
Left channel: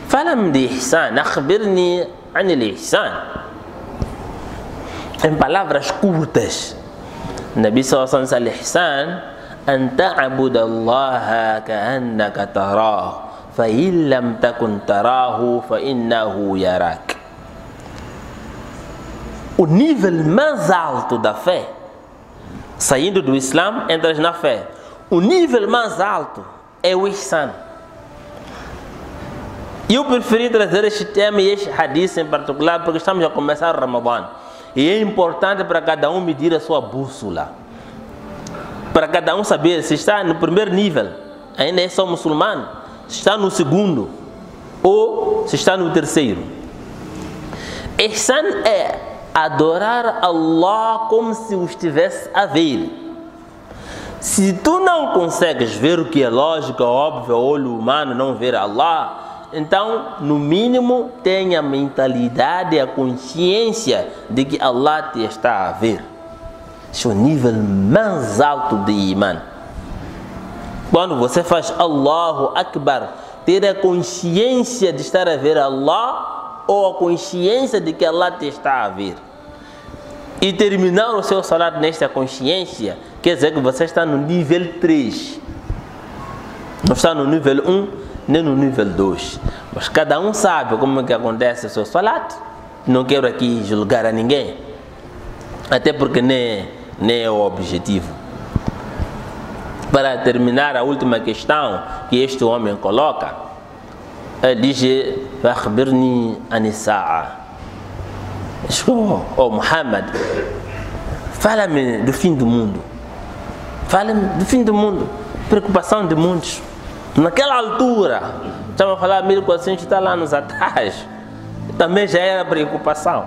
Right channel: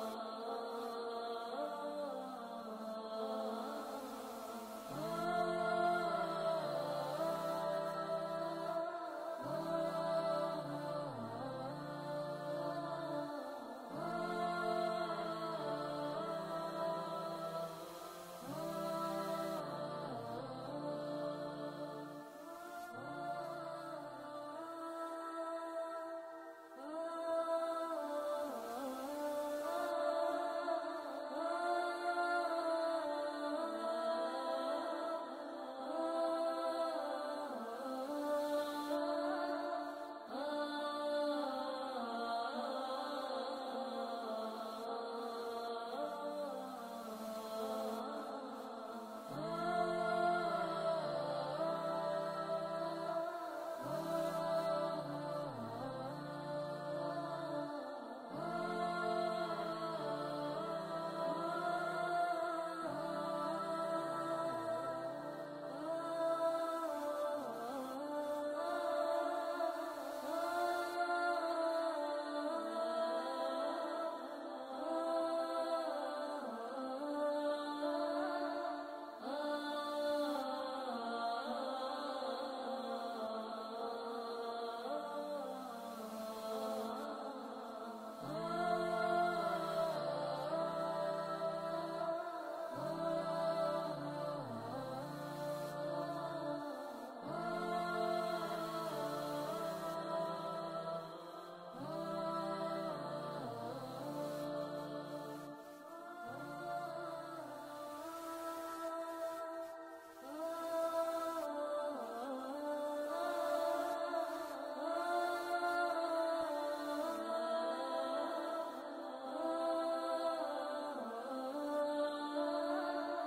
fala-me de ihsan, akhbirni anil ihsan. Em palavras curtas, Nabi sallallahu alaihi wasallam diz: ihsan an ta'budu Allah ka'annaka tarahu, fa in lam takun tarahu fa innahu yarak. O nível mais alto da fé, saindo do Islã, entras na fé. O nível mais alto é o ihsan. Eu preferi trazer este tema e este hadith em particular porque estamos a começar o Ramadã. E é importante para cada um medir a sua bússola. Para cada um saber se está no primeiro nível, ainda é só muçulmano, se está no segundo ou se está no terceiro. Ihsan é adorar Allah como se o estivesse a ver. Se tu não consegues ver o que é lógico, óbvio, o olho humano não ver Allah, então, no mínimo, tenha a mentalidade, a consciência de que Allah te está a ver. Esse é o nível mais alto de Iman. Quando você faz Allahu Akbar, ter a consciência de estar a ver Allah ou a consciência de que Allah te está a ver. E terminar o seu salat nesta consciência, quer dizer que você está no nível 3. Não está no nível 1, nem no nível 2. Mas cada um sabe como é que acontece o seu salat. Não quero aqui julgar a ninguém, até porque nem é o objetivo. Para terminar a última questão que este homem coloca, ele diz: "Fakhbirni an-sa'a". Oh Muhammad, fala-me do fim do mundo. Fala-me do fim do mundo. Preocupação de muitos. Naquela altura, estava a falar 1400 anos atrás, também já era preocupação.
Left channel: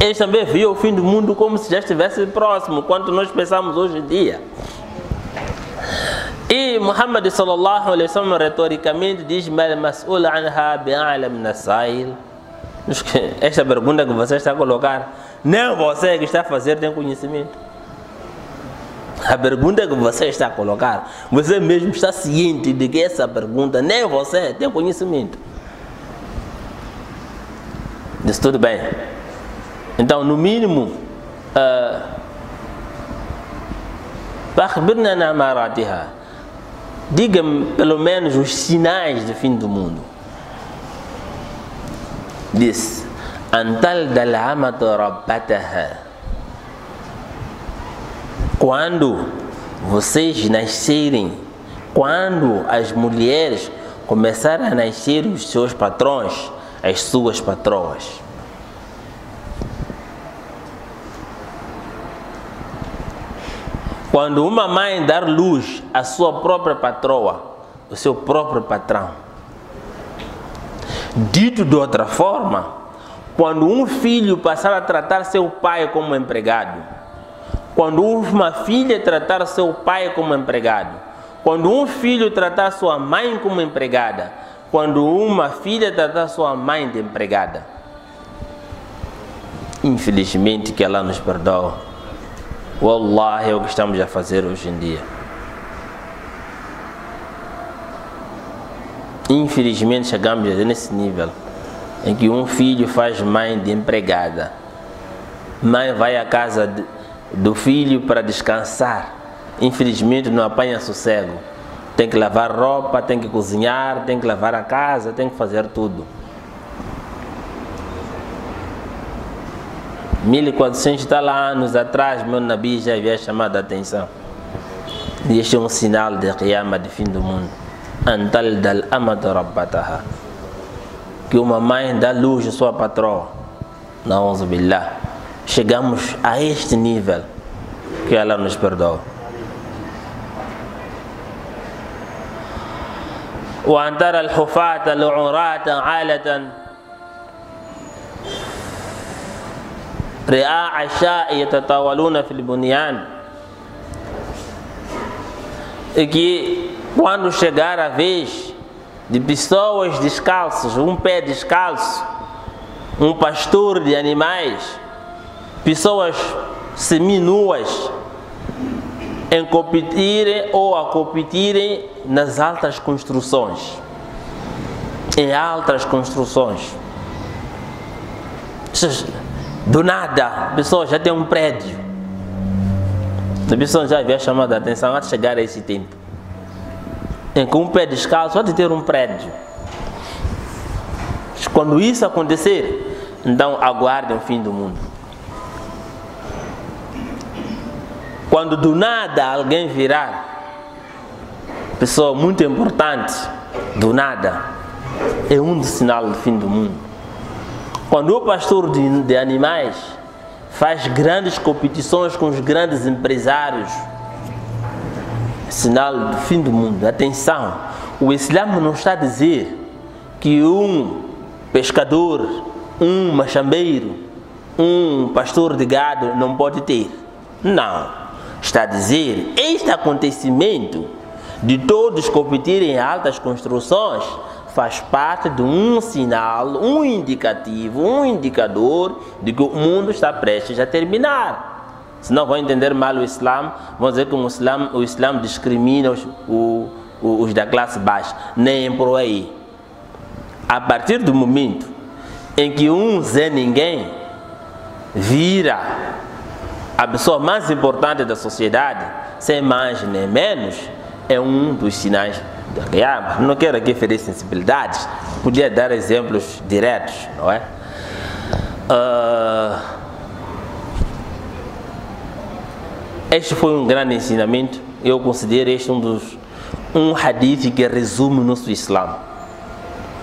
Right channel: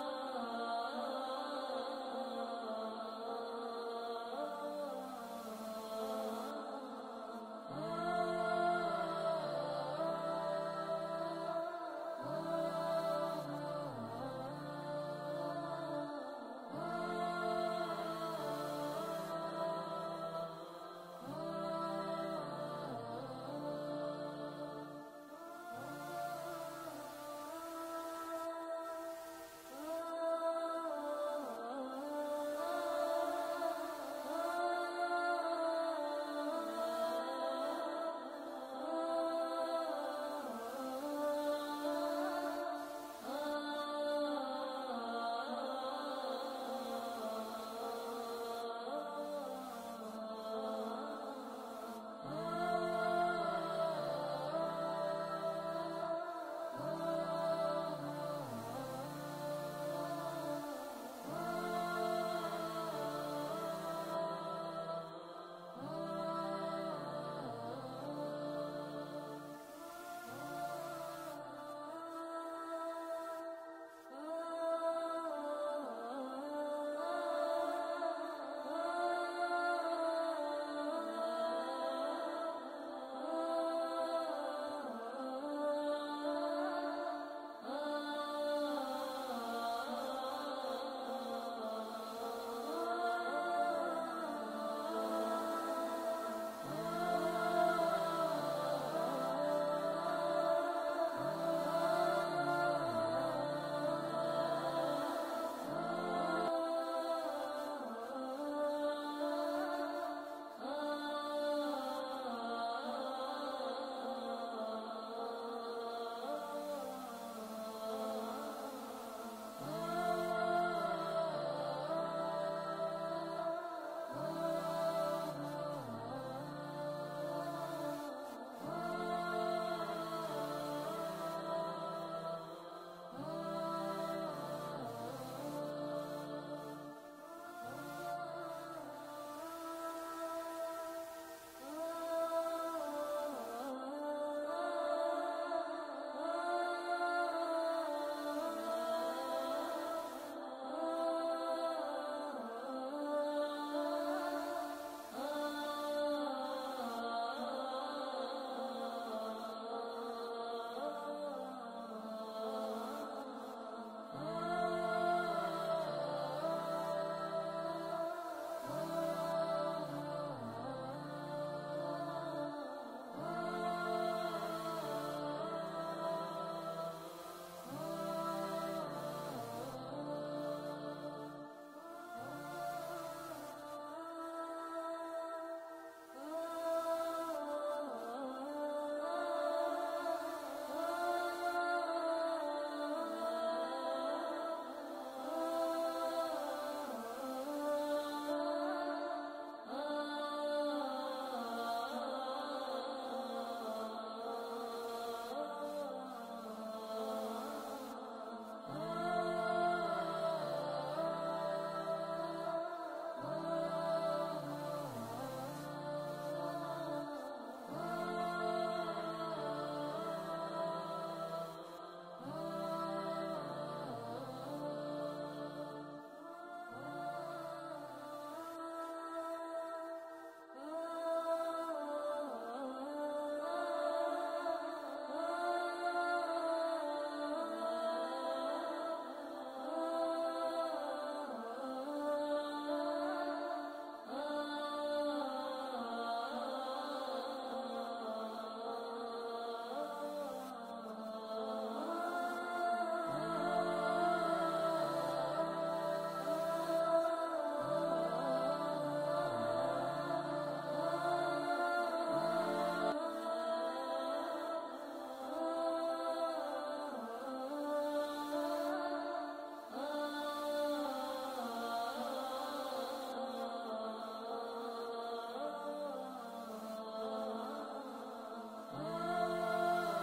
Eles também viam o fim do mundo como se já estivesse próximo, quanto nós pensamos hoje em dia. E Muhammad sallallahu alaihi wasallam retoricamente diz: "Mas'ul anha bi'alam min as-sa'il". Esta pergunta que você está a colocar, nem você que está a fazer tem conhecimento. A pergunta que você está a colocar, você mesmo está ciente de que essa pergunta, nem você tem conhecimento. Diz tudo bem. Então, no mínimo, diga-me pelo menos os sinais do fim do mundo. Diz: Antal dal-amatu rabbataha. Quando vocês nascerem, quando as mulheres começarem a nascer os seus patrões, as suas patroas. Quando uma mãe dar luz à sua própria patroa, o seu próprio patrão. Dito de outra forma, quando um filho passar a tratar seu pai como empregado, quando uma filha tratar seu pai como empregado, quando um filho tratar sua mãe como empregada, quando uma filha tratar sua mãe de empregada. Infelizmente, que Allah nos perdoa. Wallah, é o que estamos a fazer hoje em dia. Infelizmente, chegamos nesse nível em que um filho faz mãe de empregada. Mãe vai à casa do filho para descansar. Infelizmente não apanha sossego. Tem que lavar roupa, tem que cozinhar, tem que lavar a casa, tem que fazer tudo. 1400 anos atrás, meu Nabi já havia chamado a atenção. E este é um sinal de Qiyamah, de fim do mundo. Antal dal amatu rabbataha. Que uma mãe dá luz à sua patroa. Na'udhu billah. Chegamos a este nível, que Allah nos perdoa. وأن ترى الحفاة العراة عالة رعاء الشاء يتطاولون في البنيان. E que quando chegar a vez de pessoas descalças, um pé descalço, um pastor de animais, pessoas seminuas, em competirem ou a competirem nas altas construções, em altas construções. Do nada, a pessoa já tem um prédio. A pessoa já havia chamado a atenção antes de chegar a esse tempo, em que um pé descalço pode ter um prédio. Quando isso acontecer, então aguardem o fim do mundo. Quando do nada alguém virar, pessoa muito importante, do nada, é um sinal do fim do mundo. Quando o pastor de animais faz grandes competições com os grandes empresários, é sinal do fim do mundo. Atenção, o Islã não está a dizer que um pescador, um machambeiro, um pastor de gado não pode ter. Não. Está a dizer, este acontecimento de todos competirem em altas construções faz parte de um sinal, um indicativo, um indicador de que o mundo está prestes a terminar. Se não vão entender mal o Islã, vão dizer que o Islã discrimina os da classe baixa. Nem por aí. A partir do momento em que um Zé Ninguém vira a pessoa mais importante da sociedade, sem mais nem menos, é um dos sinais da Qiyamah. Não quero aqui ferir sensibilidades, podia dar exemplos diretos, não é? Este foi um grande ensinamento. Eu considero este um hadith que resume o nosso Islã.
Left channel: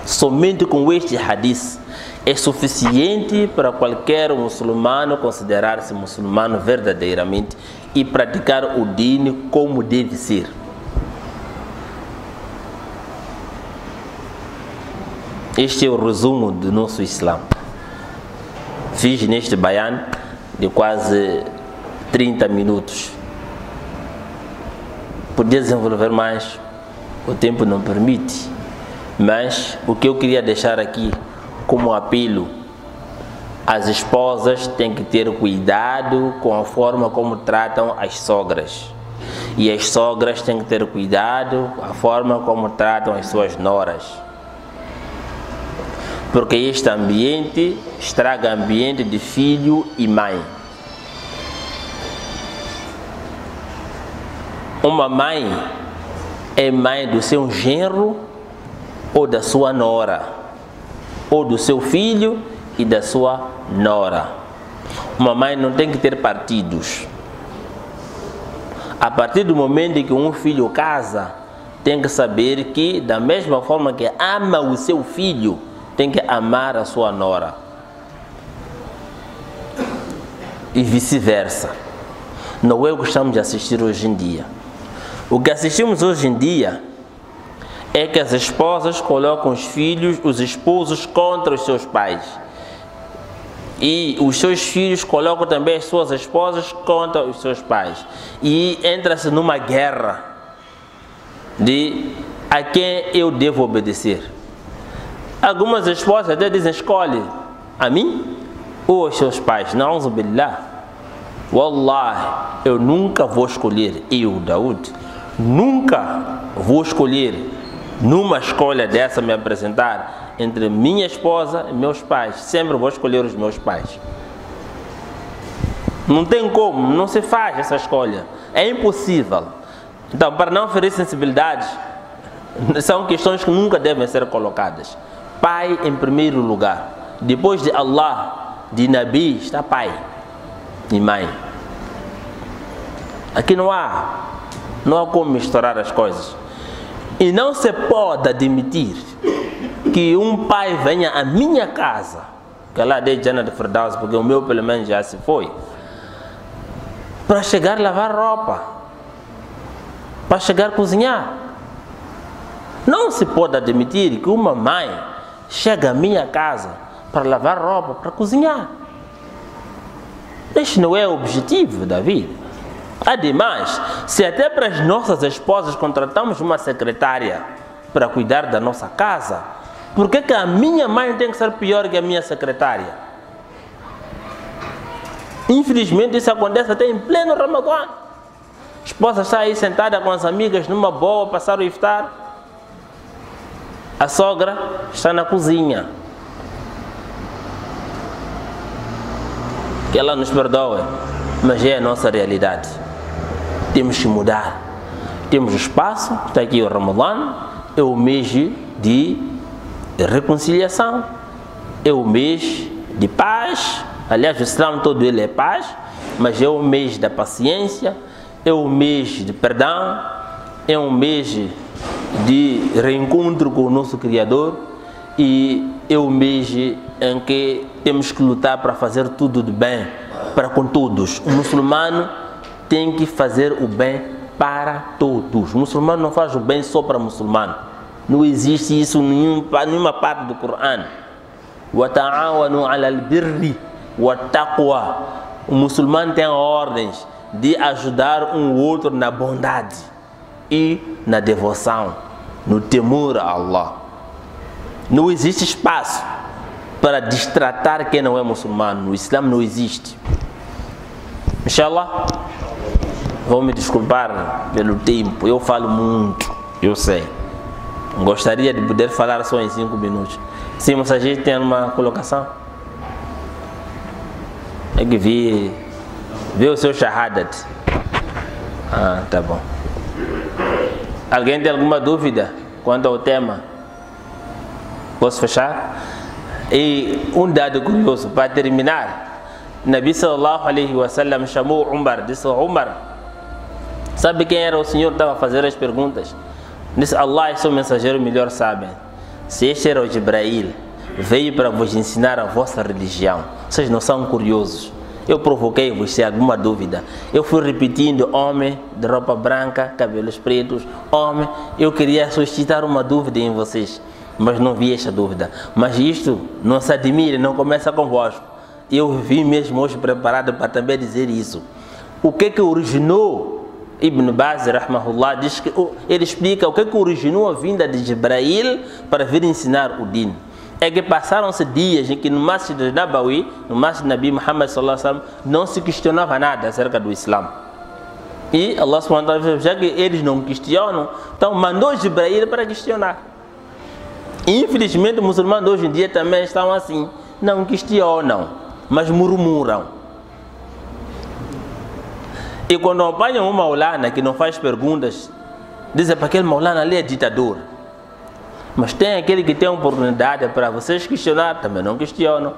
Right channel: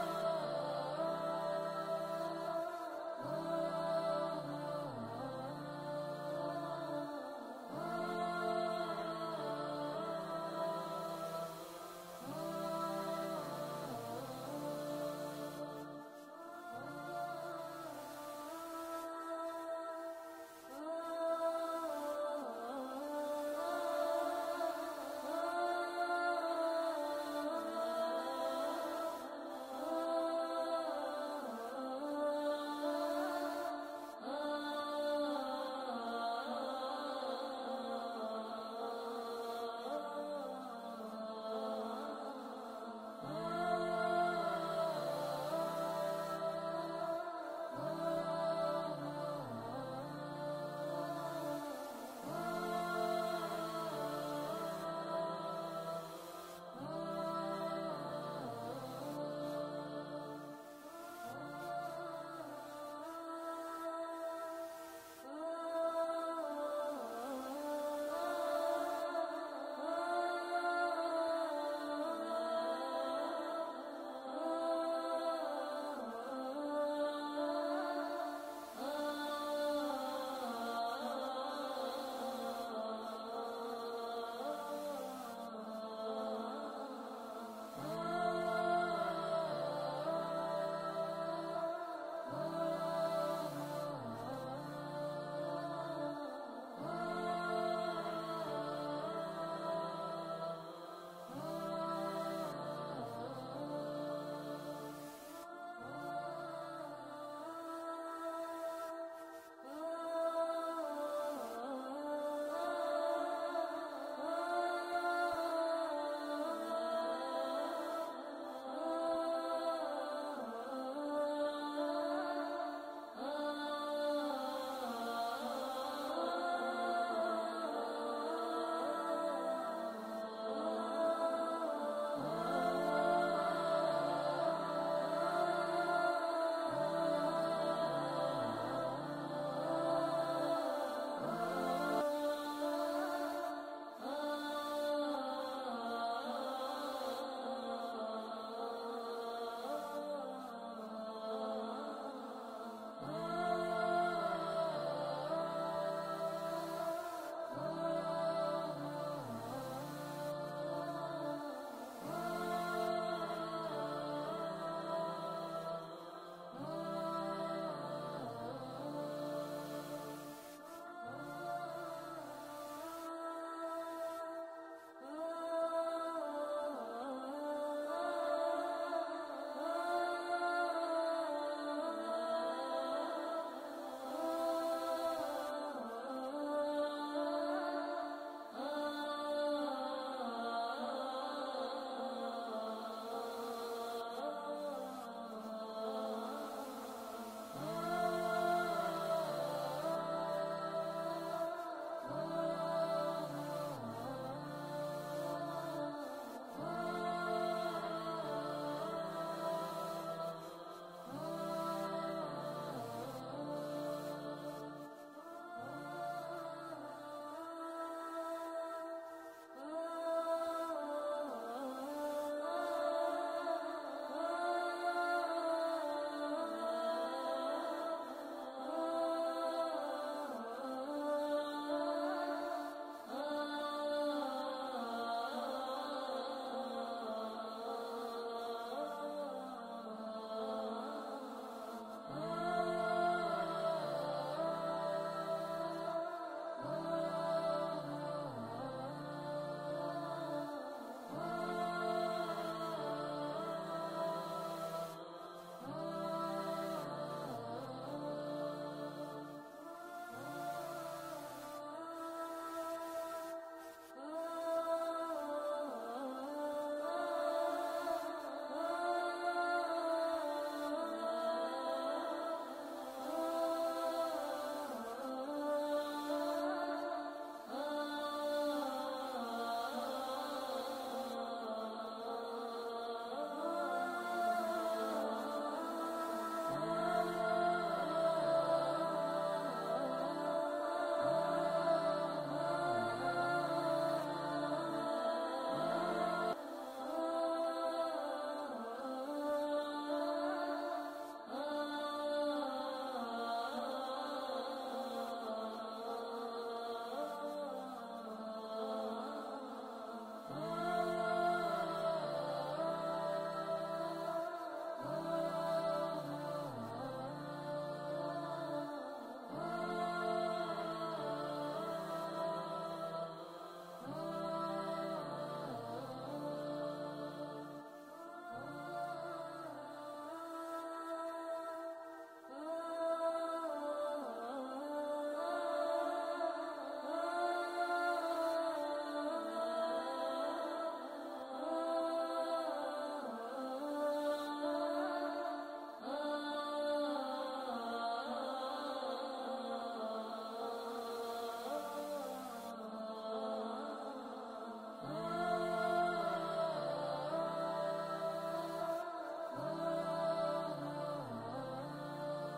Somente com este hadith é suficiente para qualquer muçulmano considerar-se muçulmano verdadeiramente e praticar o dini como deve ser. Este é o resumo do nosso Islã. Fiz neste bayan de quase 30 minutos. Podia desenvolver mais, o tempo não permite, mas o que eu queria deixar aqui como apelo: as esposas têm que ter cuidado com a forma como tratam as sogras, e as sogras têm que ter cuidado com a forma como tratam as suas noras, porque este ambiente estraga o ambiente de filho e mãe. Uma mãe é mãe do seu genro ou da sua nora, ou do seu filho e da sua nora. Uma mãe não tem que ter partidos. A partir do momento em que um filho casa, tem que saber que, da mesma forma que ama o seu filho, tem que amar a sua nora. E vice-versa. Não é o que estamos a assistir hoje em dia. O que assistimos hoje em dia é que as esposas colocam os filhos, os esposos contra os seus pais. E os seus filhos colocam também as suas esposas contra os seus pais. E entra-se numa guerra de a quem eu devo obedecer. Algumas esposas até dizem: escolhe a mim ou aos seus pais. Na'udhu billah. Wallahi, eu nunca vou escolher, eu, Daoud, nunca vou escolher, numa escolha dessa, me apresentar entre minha esposa e meus pais. Sempre vou escolher os meus pais. Não tem como, não se faz essa escolha. É impossível. Então, para não ferir sensibilidades, são questões que nunca devem ser colocadas. Pai em primeiro lugar. Depois de Allah, de Nabi, está pai e mãe. Aqui não há como misturar as coisas. E não se pode admitir que um pai venha à minha casa, que lá dei Jannah de Firdaus, porque o meu pelo menos já se foi, para chegar a lavar roupa, para chegar a cozinhar. Não se pode admitir que uma mãe chega à minha casa para lavar roupa, para cozinhar. Este não é o objetivo da vida. Ademais, se até para as nossas esposas contratamos uma secretária para cuidar da nossa casa, por que a minha mãe tem que ser pior que a minha secretária? Infelizmente isso acontece até em pleno Ramadã. A esposa está aí sentada com as amigas numa boa, passar o iftar. A sogra está na cozinha. Que ela nos perdoe, mas é a nossa realidade. Temos que mudar. Temos o espaço, está aqui o Ramadã, é o mês de reconciliação, é o mês de paz. Aliás, o Islã todo ele é paz, mas é o mês da paciência, é o mês de perdão, é um mês de reencontro com o nosso Criador e é o mês em que temos que lutar para fazer tudo de bem para com todos. O muçulmano tem que fazer o bem para todos. O muçulmano não faz o bem só para o muçulmano. Não existe isso em nenhuma parte do Corão. وَتَعَاوَنُوا عَلَى الْبِرِّ وَالتَّقْوَى. O muçulmano tem ordens de ajudar um outro na bondade e na devoção, no temor a Allah. Não existe espaço para destratar quem não é muçulmano. No Islã não existe. Inshallah, vou me desculpar pelo tempo. Eu falo muito, eu sei. Gostaria de poder falar só em 5 minutos. Sim, mas a gente tem uma colocação? É que vi o seu shahadat. Ah, tá bom. Alguém tem alguma dúvida quanto ao tema? Posso fechar? E um dado curioso para terminar. Nabi sallallahu alaihi wasallam chamou Umar, disse: Umar, sabe quem era o senhor que estava a fazer as perguntas? Disse: Allah e seu mensageiro melhor sabem. Se este era o Jibrail, veio para vos ensinar a vossa religião. Vocês não são curiosos? Eu provoquei-vos se alguma dúvida. Eu fui repetindo: homem de roupa branca, cabelos pretos, homem. Eu queria suscitar uma dúvida em vocês, mas não vi esta dúvida. Mas isto não se admire, não começa convosco. Eu vim mesmo hoje preparado para também dizer isso. O que originou? Ibn Baz, rahmahullah, diz que ele explica o que originou a vinda de Jibrail para vir ensinar o din. É que passaram-se dias em que no Masjid Nabawi, no Masjid Nabi Muhammad sallallahu alaihi wasallam, não se questionava nada acerca do Islã. E Allah subhanahu wa ta'ala, já que eles não questionam, então mandou Jibrail para questionar. Infelizmente, os muçulmanos hoje em dia também estão assim, não questionam, mas murmuram. E quando apanham um maulana que não faz perguntas, dizem para aquele maulana ali é ditador. Mas tem aquele que tem oportunidade para vocês questionar, também não questionam.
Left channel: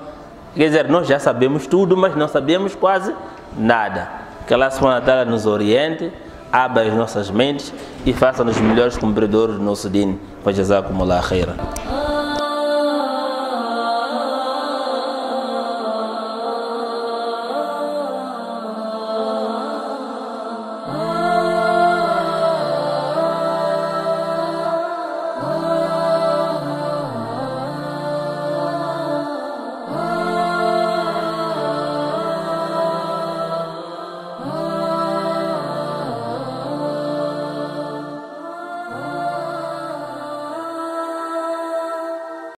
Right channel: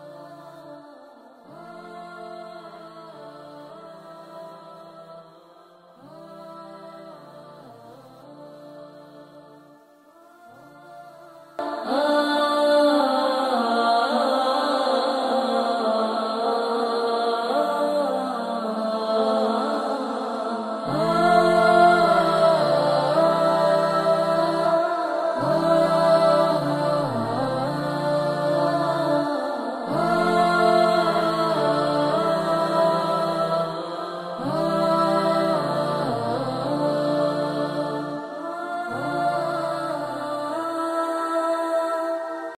Quer dizer, nós já sabemos tudo, mas não sabemos quase nada. Que Allah subhanahu wa ta'ala nos oriente, abra as nossas mentes e faça-nos melhores cumpridores do nosso din. Fajazakumullah khairan.